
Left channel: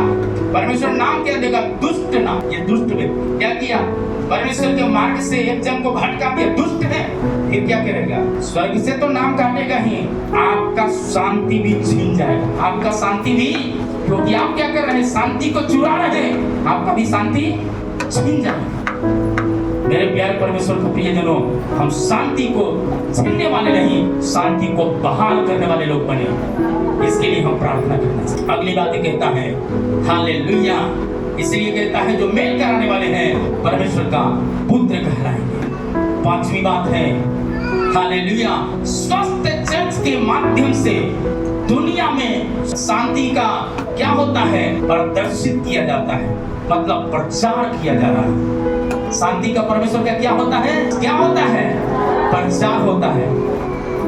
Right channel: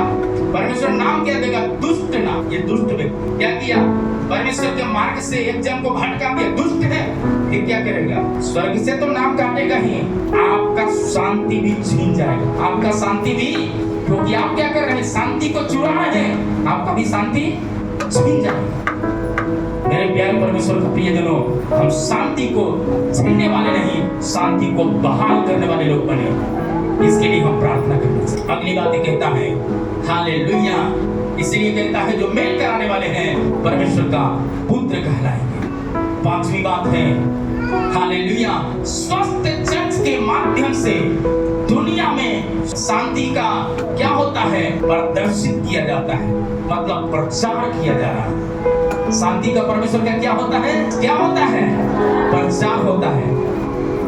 परमेश्वर नाम क्या देगा? दुष्ट नाम। ये दुष्ट व्यक्ति क्या किया? परमेश्वर के मार्ग से एक जन को भटका दिया, दुष्ट है। फिर क्या करेगा? स्वर्ग से तो नाम काटेगा ही, आपका शांति भी छीन जाएगा, आपका शांति भी, क्योंकि आप क्या कर रहे हैं? शांति को चुरा रहे हैं, आपका भी शांति छीन जाएगा। मेरे प्यारे परमेश्वर के प्रियजनों, हम शांति को छीनने वाले नहीं, शांति को बहाल करने वाले लोग बने। इसके लिए हम प्रार्थना करना चाहिए। अगली बात कहता है हालेलुया। इसलिए कहता है जो मेल कराने वाले हैं परमेश्वर का पुत्र कहलाएंगे। पांचवी बात है हालेलुया, स्वस्थ चर्च के माध्यम से दुनिया में शांति का क्या होता है? प्रदर्शित किया जाता है, मतलब प्रचार किया जा रहा है। शांति का परमेश्वर का क्या होता है? क्या होता है? प्रचार होता है।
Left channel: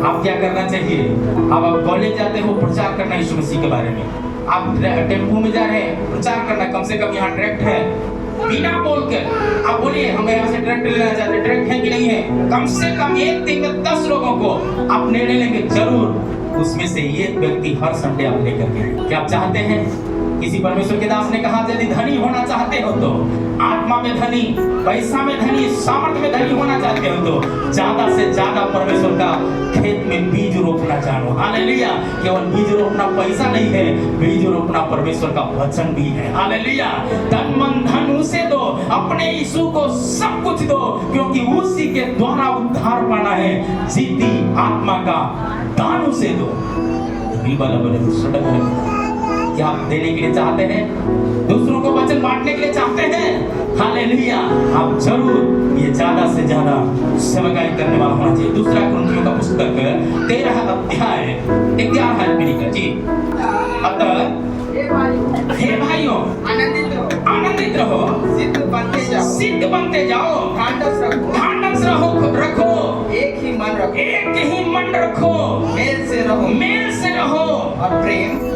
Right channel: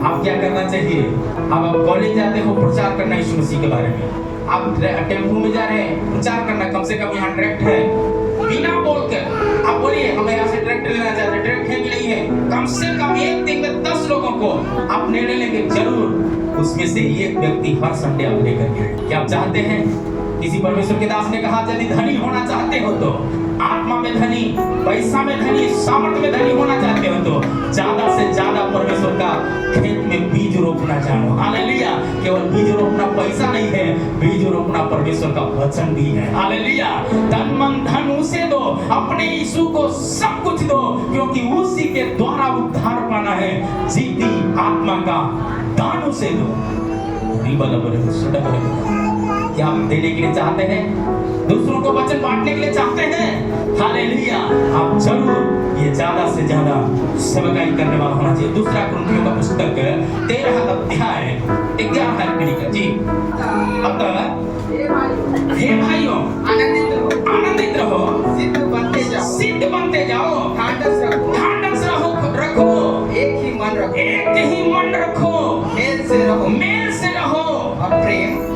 आप क्या करना चाहिए? आप कॉलेज जाते हो, प्रचार करना यीशु मसीह के बारे में। आप टेम्पू में जा रहे हैं, प्रचार करना। कम से कम यहाँ ट्रैक्ट है, बिना बोल कर आप बोलिए हमें यहाँ से ट्रैक्ट लेना चाहते हैं, ट्रैक्ट है कि नहीं है? कम से कम एक दिन में 10 लोगों को आप निर्णय लेंगे जरूर, उसमें से एक व्यक्ति हर संडे आप लेकर के। क्या आप चाहते हैं किसी परमेश्वर के दास ने कहा, यदि धनी होना चाहते हो तो, आत्मा में धनी, पैसा में धनी, सामर्थ में धनी होना चाहते हो तो ज्यादा से ज्यादा परमेश्वर का खेत में बीज रोपना जानो। हालेलुया। केवल बीज रोपना पैसा नहीं है, बीज रोपना परमेश्वर का वचन भी है। हालेलुया। तन मन धन उसे दो, अपने यीशु को सब कुछ दो, क्योंकि उसी के द्वारा उद्धार पाना है। जीती आत्मा का दान उसे दो। क्या आप देने के लिए चाहते हैं? दूसरों को वचन बांटने के लिए चाहते हैं? हालेलुया। आप जरूर ये ज्यादा से ज्यादा सेवकाई करने वाला होना चाहिए। दूसरा कुरिन्थियों का पुस्तक 13 अध्याय 11 में लिखा जी, अतः हे भाइयों आनंदित रहो, सिद्ध बनते जाओ, ढांढस रखो, एक ही मन रखो, मेल से रहो और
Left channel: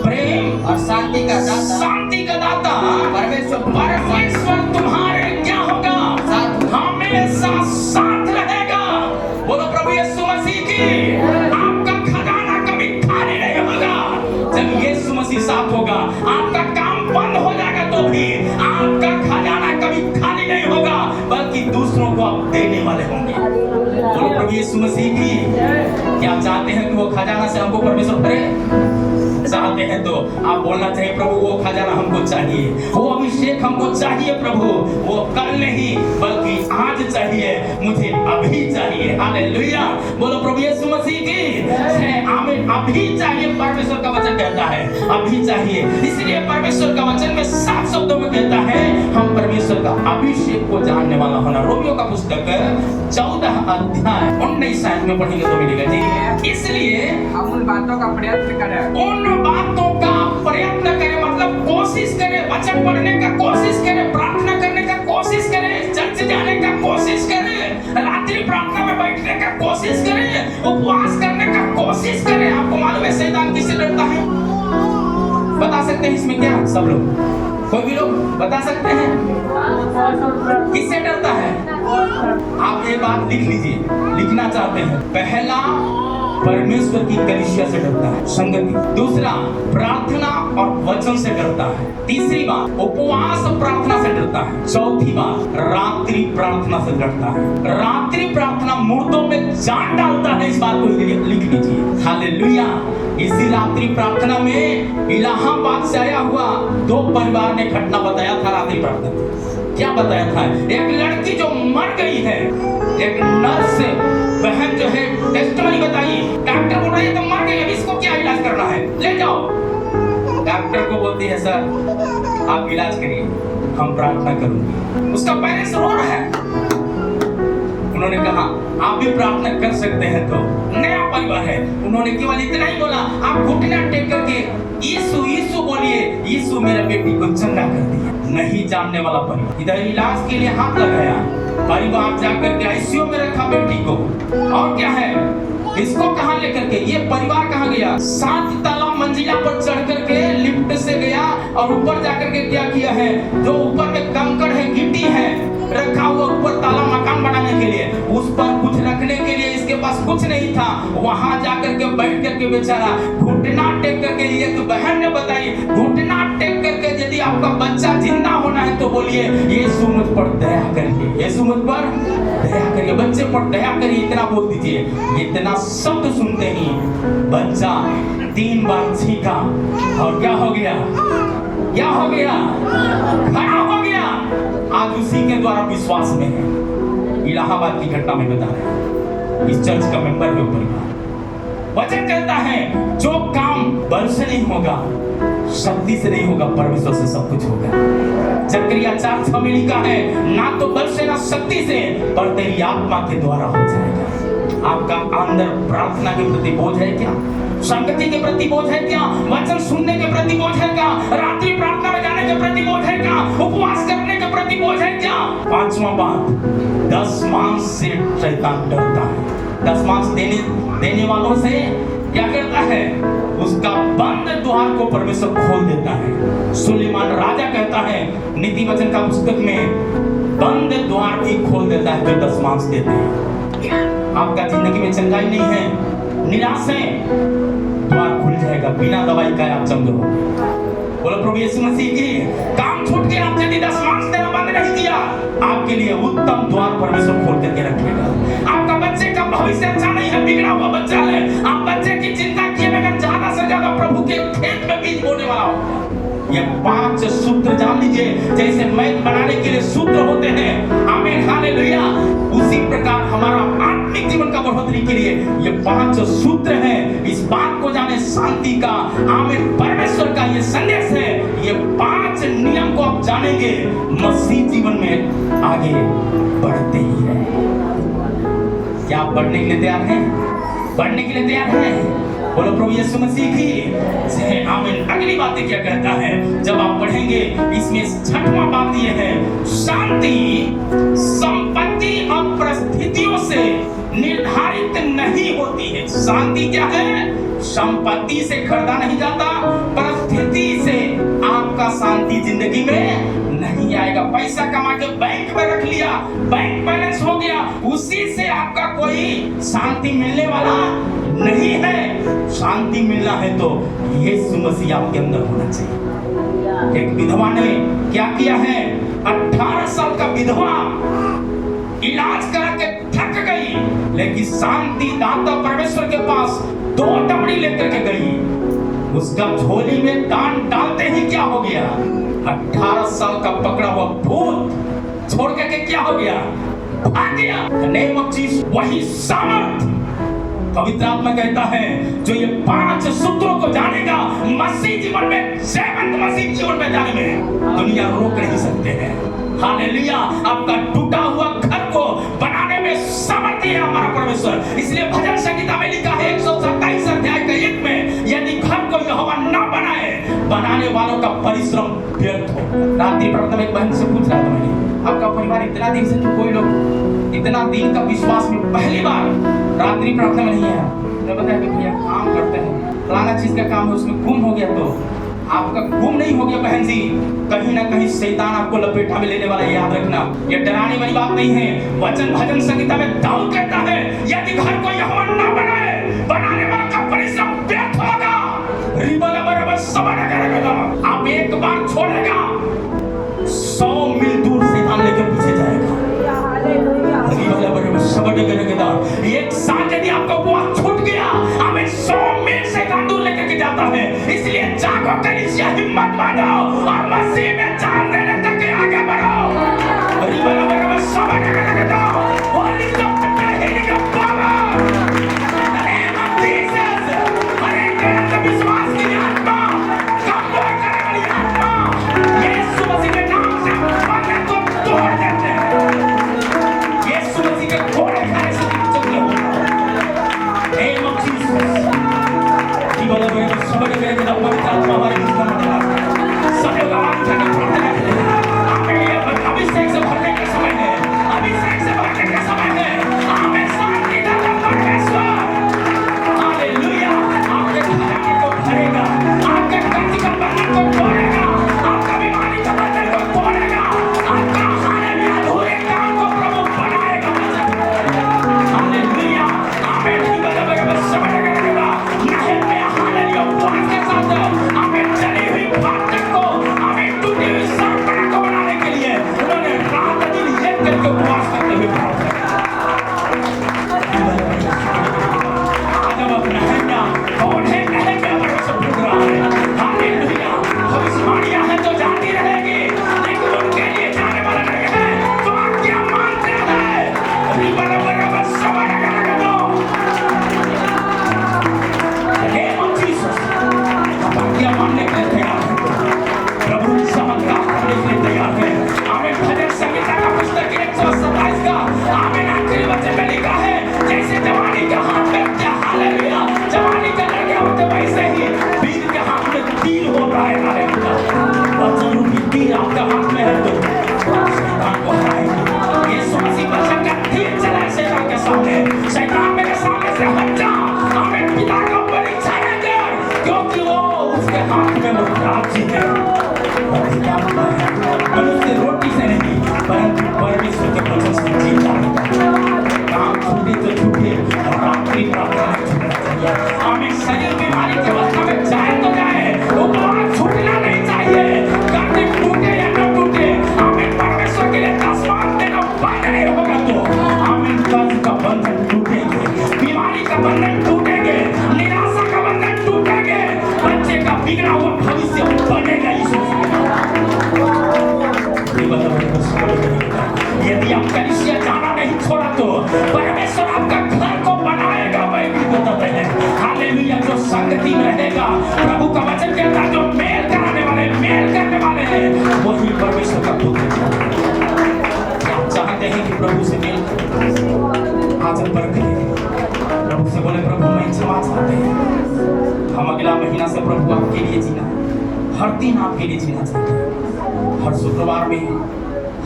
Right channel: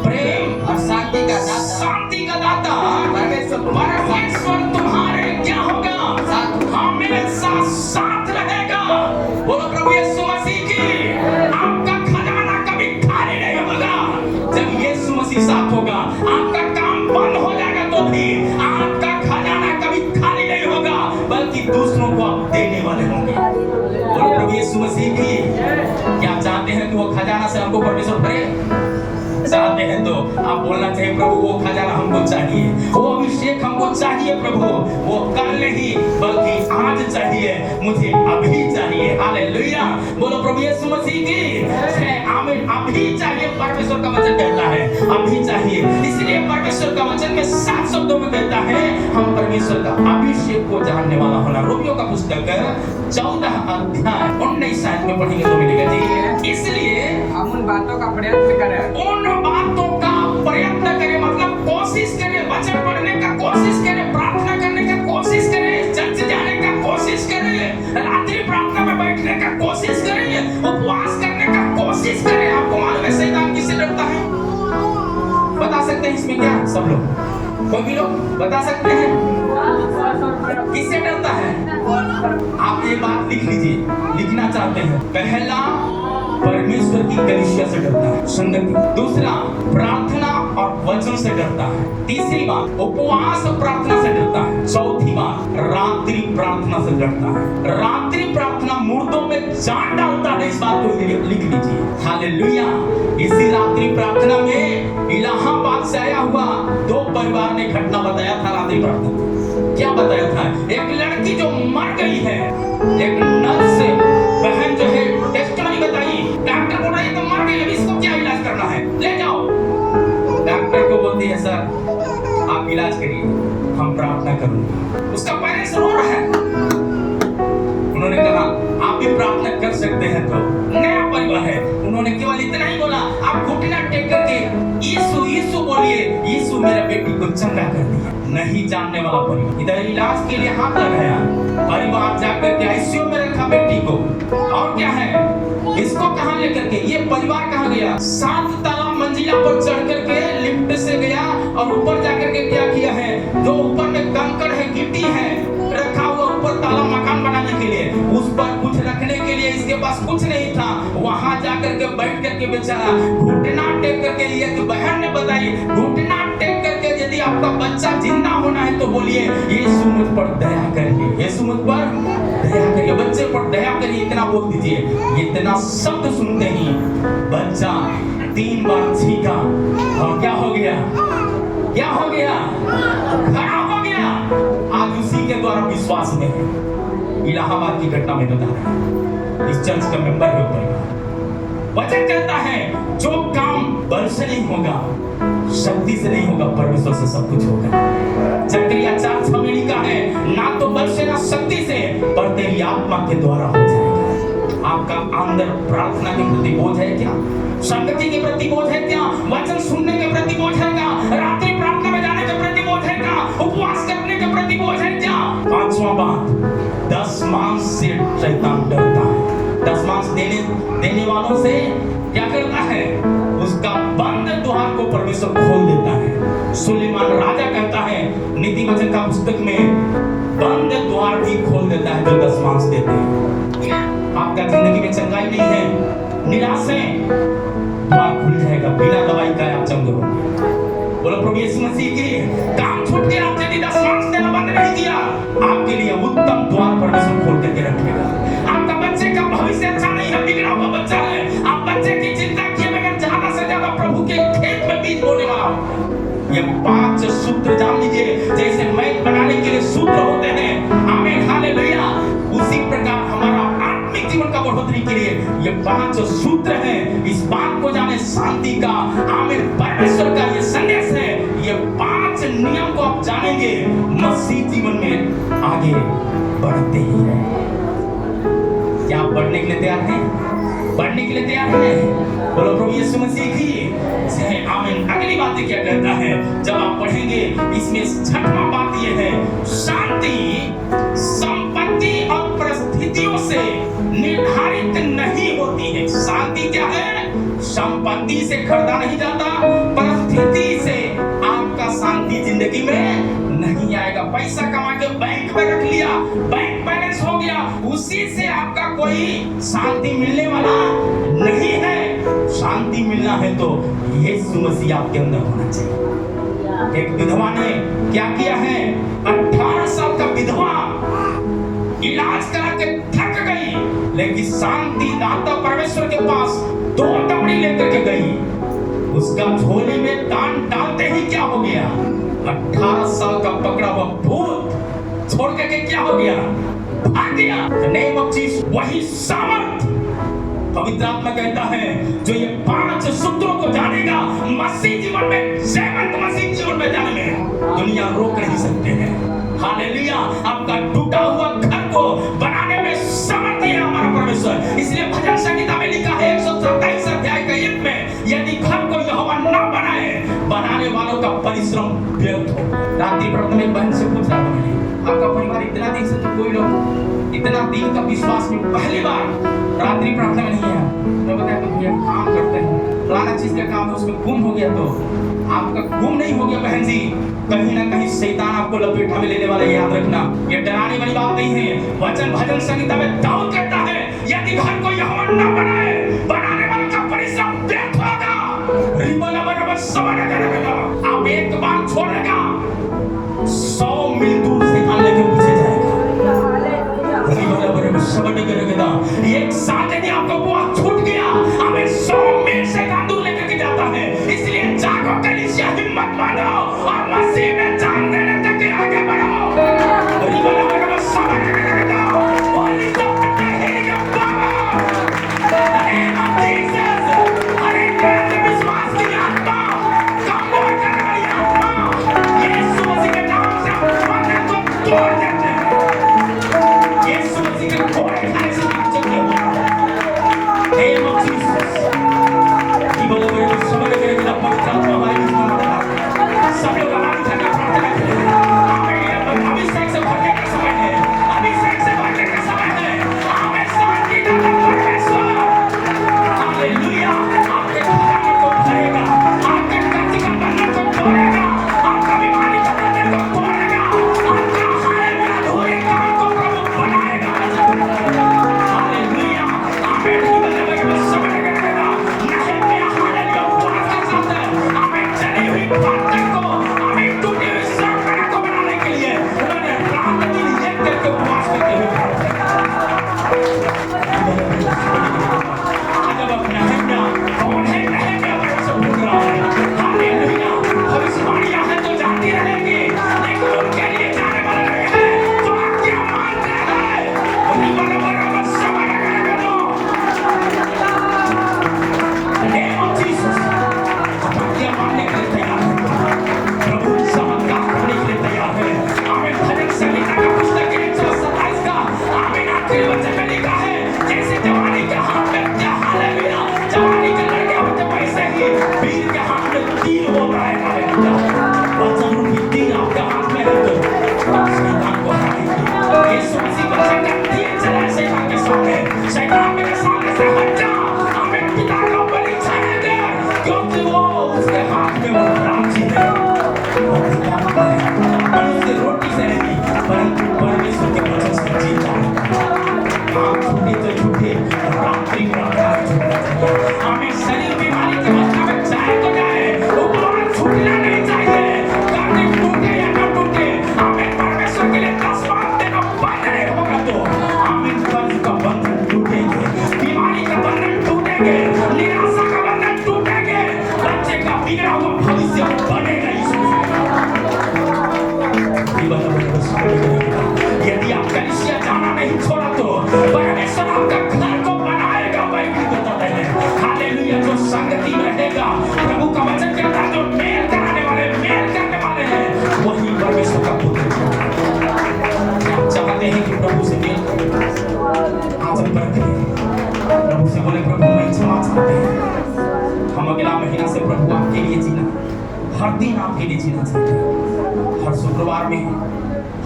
प्रेम और शांति का दाता परमेश्वर तुम्हारे क्या होगा? हमेशा साथ रहेगा। बोलो प्रभु यीशु मसीह की। आपका खजाना कभी खाली नहीं होगा। जब यीशु मसीह साथ होगा, आपका काम बंद हो जाएगा तो भी आपका खजाना कभी खाली नहीं होगा, बल्कि दूसरों को आप देने वाले होंगे। बोलो प्रभु यीशु मसीह की। क्या चाहते हैं कि वो खजाना से हमको परमेश्वर भरे? चाहते हैं तो आप बोलना चाहिए, प्रभु वो खजाना हमको चाहिए, वो अभिषेक हमको चाहिए प्रभु, वो कल नहीं बल्कि आज चाहिए, मुझे अभी चाहिए। हालेलुया। बोलो प्रभु यीशु मसीह की। आमीन। अभी चाहिए, परमेश्वर का वचन कहता है अभी चाहिए। इसलिए परमेश्वर का वचन में साफ शब्दों में कहता है हम परमेश्वर का अभिषेक को जानने वाला होना। रोमियो का पुस्तक 14 अध्याय 19 आयत में पढ़ेंगे तो मिलेगा जी। इसलिए हम उन बातों का प्रयत्न करें, उन बातों का प्रयत्न करें, मतलब कोशिश करें, वचन पढ़ने का कोशिश करें, प्रार्थना करने का कोशिश करें, चर्च जाने का कोशिश करें, रात्रि प्रार्थना में बैठने का कोशिश करें, उपवास करने का कोशिश करें। आपको मालूम है शैतान किससे डरता है? बता सकते हैं इसमें क्या सब लोग? कोई भी लोग बता सकते हैं किससे डरता है? आप ये बात लिख लीजिए, लिखना चाहते हैं। पहला, परमेश्वर की कलीसिया से डरता है, संगति। दूसरा, प्रार्थना और वचन से डरता है। तीसरी बात, उपवास प्रार्थना से डरता है। चौथी बात, रात्रि प्रार्थना से डरता है। रात्रि प्रार्थना मुर्दों में जान डालता है, इस बात को लिख लीजिए। हालेलुया। इसी रात्रि प्रार्थना में इलाहाबाद से आया हुआ 2 परिवार ने घटना बताया था। रात्रि प्रार्थना क्या बताया था? एक लड़की जो मर गई है, एक नर्स से बहन जो है टेस्टमनी बताई, डॉक्टर बोल रहा है तो मर गई, अब इसको क्या इलाज करना है, ले जाओ। डॉक्टर को बोलती है सर आप इलाज करिए, हम प्रार्थना करूंगी। उसका पेरेंट्स रो रहा है। उन्होंने कहा आप भी प्रार्थना कर सकते हैं। तो नया परिवार है, उन्होंने केवल इतना ही बोला, आप घुटना टेक करके यीशु यीशु बोलिए, यीशु मेरा बेटी को चंगा कर दिया। नहीं जानने वाला परिवार इधर इलाज के लिए हाथ लगाया, परिवार जाकर के आईसीयू में रखा बेटी को। और क्या है, इसको कहां लेकर के, ये परिवार कहां गया? 7 ताला मंजिला पर चढ़ करके लिफ्ट से गया और ऊपर जाकर के क्या किया है, जो ऊपर में कंकड़ है, गिट्टी है रखा हुआ ऊपर ताला मकान बनाने के लिए, उस पर कुछ रखने के लिए इसके पास कुछ नहीं था। वहां जाकर के बैठ करके बेचारा घुटना टेक करके, एक बहन ने बताई, घुटना टेक करके यदि आपका बच्चा जिंदा होना है तो बोलिए यीशु मुझ पर दया करिए, यीशु मुझ पर दया करिए, बच्चे पर दया करिए, इतना बोल दीजिए। इतना शब्द सुनते ही बच्चा 3 बार छींका और क्या हो गया? क्या हो गया? खड़ा हो गया। आज उसी के द्वारा विश्वास में है। इलाहाबाद की घटना में बता रहे हैं, इस चर्च का मेंबर है ऊपर। वचन कहता है जो काम बल से नहीं होगा, शक्ति से नहीं होगा, परमेश्वर से सब कुछ होगा। जकरिया 4:6 में लिखा है, ना तो बल से ना शक्ति से, पर तेरी आत्मा के द्वारा हो जाएगा। आपका अंदर प्रार्थना के प्रति बोझ है क्या? संगति के प्रति बोझ है क्या? वचन सुनने के प्रति बोझ है क्या? रात्रि प्रार्थना में जाने के प्रति बोझ है क्या? उपवास करने के प्रति बोझ है क्या? 5वां बात, दशमांश से शैतान डरता है। दशमांश देने वालों से क्या करता है? उसका बंद द्वार को परमेश्वर खोल देता है। सुलेमान राजा कहता है नीति वचन का पुस्तक में, बंद द्वार भी खोल देता है जो दशमांश देते हैं। आपका जिंदगी में चंगाई नहीं है, निराश है, द्वार खुल जाएगा, बिना दवाई का आप चंगे होंगे। बोलो प्रभु यीशु मसीह की। काम छूट के आप यदि 10 मार्क्स देना बंद नहीं किया, आपके लिए उत्तम द्वार परमेश्वर खोल करके रखेगा। आपका बच्चे का भविष्य अच्छा नहीं है, बिगड़ा हुआ बच्चा है, आप बच्चे की चिंता किए बगैर ज्यादा से ज्यादा प्रभु के खेत में बीज बोने वाला होगा। ये 5 सूत्र जान लीजिए, जैसे मैथ बनाने के लिए सूत्र होते हैं, आमीन हालेलुया, उसी प्रकार हमारा आत्मिक जीवन का बढ़ोतरी के लिए ये 5 सूत्र हैं। इस बात को जाने, शांति का, आमीन, परमेश्वर का ये संदेश है। ये 5 नियम को आप जानेंगे, मसीह जीवन में आगे बढ़ते ही रहें। क्या आप बढ़ने के लिए तैयार हैं? बढ़ने के लिए तैयार हैं? बोलो प्रभु यीशु मसीह की जय, आमीन। अगली बातें क्या कहता है जब आप पढ़ेंगे, इसमें 6वां बात ये है, शांति संपत्ति और परिस्थितियों से निर्धारित नहीं होती है। शांति क्या है? संपत्ति से खरीदा नहीं जाता, परिस्थिति से आपका शांति जिंदगी में नहीं आएगा। पैसा कमा के बैंक में रख लिया, बैंक बैलेंस हो गया, उसी से आपका कोई शांति मिलने वाला नहीं है। शांति मिलना है तो यीशु मसीह आपके अंदर होना चाहिए। एक विधवा ने क्या किया है? 18 साल का विधवा इलाज करा के थक गई, लेकिन शांति दाता परमेश्वर के पास 2 डमरी लेकर के गई। उसका झोली में दान डालते ही क्या हो गया? 18 साल का पकड़ा हुआ भूत छोड़ करके क्या हो गया? भाग गया। नेम ऑफ जीसस, वही सामर्थ पवित्र आत्मा कहता है, जो ये 5 सूत्रों को जानेगा, मसीह जीवन में, जीवंत मसीह जीवन में जाने में दुनिया रोक नहीं सकते हैं। हालेलुया। आपका टूटा हुआ घर को बनाने में समर्थी है हमारा परमेश्वर। इसलिए भजन संहिता में लिखा है 127 अध्याय के 1 में, यदि घर को यहोवा न बनाए, बनाने वालों का परिश्रम व्यर्थ हो। रात्रि प्रार्थना में एक बहन से पूछ रहा था मैंने, आपका परिवार इतना दिन से, कोई लोग इतना दिन का विश्वास में पहली बार रात्रि प्रार्थना में नहीं है। मैं बताया कि भैया काम करते हैं, फलाना चीज का काम है, उसमें गुम हो गया। तो आपका गुम नहीं हो गया बहन जी, कहीं ना कहीं शैतान आपको लपेटा में लेने वाला, याद रखना। ये डराने वाली बात नहीं है। वचन भजन संहिता में दाऊद कहता है, यदि घर को यहोवा न बनाए, बनाने वाला का परिश्रम व्यर्थ होगा। आप एक बार छोड़ेगा, 100 मील दूर शैतान लेकर पीछे जाएगा। एक साथ यदि आपका बहुत छूट गया, हमें 100 मील शैतान दूर लेकर के जाता है। इसलिए जागो कलीसिया, हिम्मत मानो और मसीह में जान देने तक के आगे बढ़ो। विश्वास की आत्मा, कमजोर करने वाली आत्मा, यीशु मसीह के नाम से बंधन को तोड़ देते हैं। यीशु मसीह के घोड़े खाने से चंगी हो जाओ। Name of Jesus. जीवन में समझ गए कि पवित्र आत्मा हमारे बीच में मौजूद है। सब लोग आवाज उठाकर प्रार्थना करते हैं। आमीन। ये अभिषेक से भरने का समय है, अभिषेक से भरने का समय है। आमीन। शांति दाता परमेश्वर, हालेलुया, आपके घराने को भरेगा, आपके कच्ची का बंधन को तोड़ेगा, आपका बीमारी का बंधन को तोड़ेगा, आपका हालेलुया अधूरे काम को प्रभु बनाएगा। हालेलुया। आमीन। समझ करेगा नहीं में हालेलुया बात के साथ आमीन चली हुई बात को, आमीन टूटी हुई संरचना को बनाने के लिए उन्होंने रात दिन एक करके उपवास करते हुए प्रार्थना आज हम अपना नहम्या कौन है? नहम्या बड़ा सब पूछ रहा है। हालेलुया। भविष्यवाणियां हैं तो जाती रहेगी, लेकिन उनके लिए जाने वाला नहीं है तो आज्ञा मानते हैं। बराबर समझ करेगा नेम ऑफ जीसस। आज्ञा मानने के लिए तैयार है, प्रभु चमत्कार करने के लिए तैयार है। आमीन। भजन संहिता का पुस्तक 127 का आमीन आखिरी वचन में लिखा है, जैसे जवानी के हाथ में क्या हालेलुया, जवानी के लड़के होते वैसे ही वीर के हाथ में तीर होता है। हालेलुया। वचन रूपी तीर आपके हाथ में है तो शैतान को हराएंगे। यीशु मसीह वचन का तीर चला शैतान के सामने, शैतान मेरे सामने से हट जा। आमीन। पिता का बलि चढ़ाएंगे, क्योंकि वो उसके हाथ में वो राज्य है, अधिकार है। मनुष्य रोटी से नहीं परंतु परमेश्वर के वचन से जीता है। काम छूटे तो छूटे, रात्रि प्रार्थना में छूटना चाहिए। आमीन। शरीर बीमारी की अवस्था में जाए तो जाए, उपवास छूटना नहीं चाहिए। वही परमेश्वर का पुत्र है। आप चाहते हैं कि प्रभु से मिल, आज हम परखें, प्रभु से बोले प्रभु मैं क्षमा चाहते हैं। हम अगला महीना से प्रभु आपके लिए जीना, हर दिन आपके लिए जीना चाहते हैं। हर शुक्रवार में,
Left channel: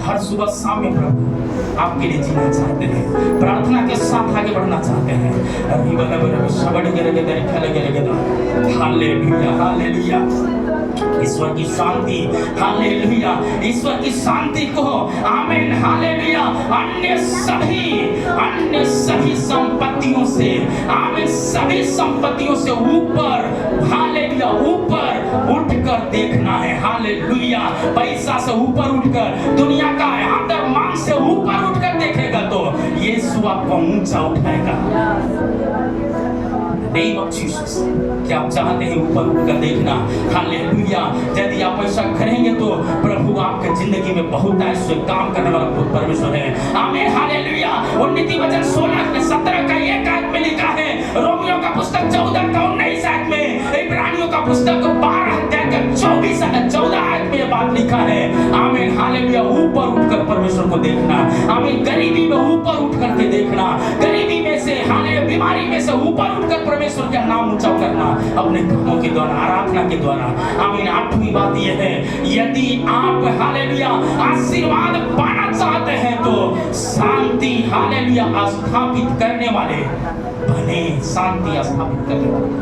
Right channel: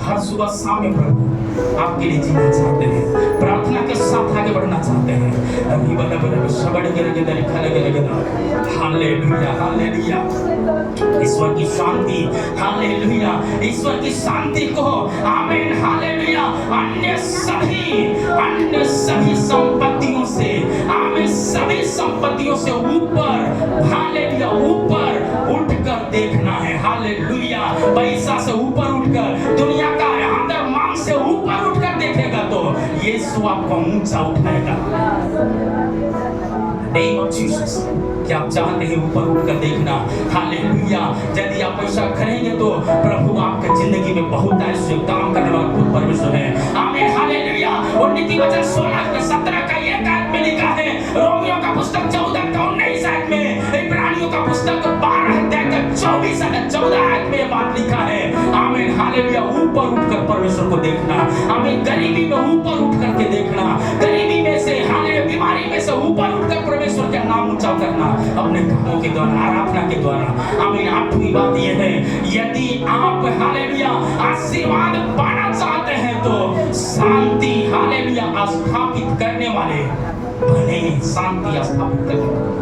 हर सुबह शाम में प्रभु आपके लिए जीना चाहते हैं, प्रार्थना के साथ आगे बढ़ना चाहते हैं। अभी हालेलुया, हालेलुया। ईश्वर की शांति, हालेलुया, ईश्वर की शांति को, आमीन, हालेलुया, अन्य सभी संपत्तियों से, आमीन, सभी संपत्तियों से ऊपर, हालेलुया, ऊपर उठकर देखना है। हालेलुया, पैसा से ऊपर उठकर, दुनिया का आदर मान से ऊपर उठकर देखेगा तो यीशु आपको ऊंचा उठाएगा। Name of Jesus. क्या आप चाहते हैं ऊपर उठकर देखना? हालेलुया। यदि आप ऐसा करेंगे तो प्रभु आपके जिंदगी में बहुत ऐसे काम करने वाला खुद परमेश्वर है। आमीन, हालेलुया। और नीति वचन 16 में 17 का एक आयत में लिखा है, रोमियो का पुस्तक 14 का 19 आयत में, इब्रानियों का पुस्तक 12 अध्याय का 14 आयत में ये बात लिखा है। आमीन, हालेलुया। ऊपर उठकर परमेश्वर को देखना, आमीन, गरीबी में ऊपर उठ करके देखना, गरीबी में से, हालेलुया, बीमारी में से ऊपर उठकर परमेश्वर का नाम ऊंचा करना अपने कामों के द्वारा, आराधना के द्वारा। आमीन। 8वीं बात यह है, यदि आप, हालेलुया, आशीर्वाद पाना चाहते हैं तो शांति, हालेलुया, स्थापित करने वाले बने, शांति स्थापित करने वाले।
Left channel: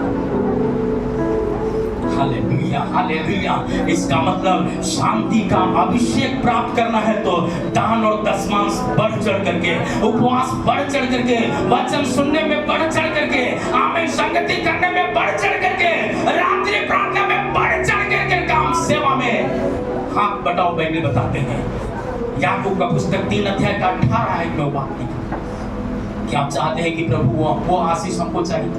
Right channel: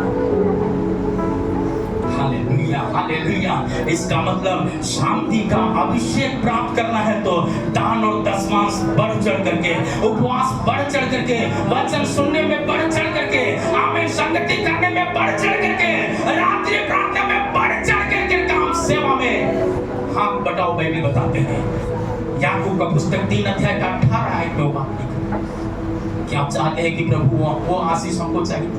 Hallelujah, hallelujah. इसका मतलब शांति का अभिषेक प्राप्त करना है तो दान और दशमांश बढ़ चढ़ करके, उपवास बढ़ चढ़ करके, वचन सुनने में बढ़ चढ़ करके, आमीन, संगति करने में बढ़ चढ़ करके, रात्रि प्रार्थना में बढ़ चढ़ करके, काम सेवा में हाथ बटाओ। बाइबल बताते हैं, याकूब का पुस्तक 3 अध्याय का 18 आयत में बात लिखी। क्या आप चाहते हैं कि प्रभु वो आशीष हमको चाहिए?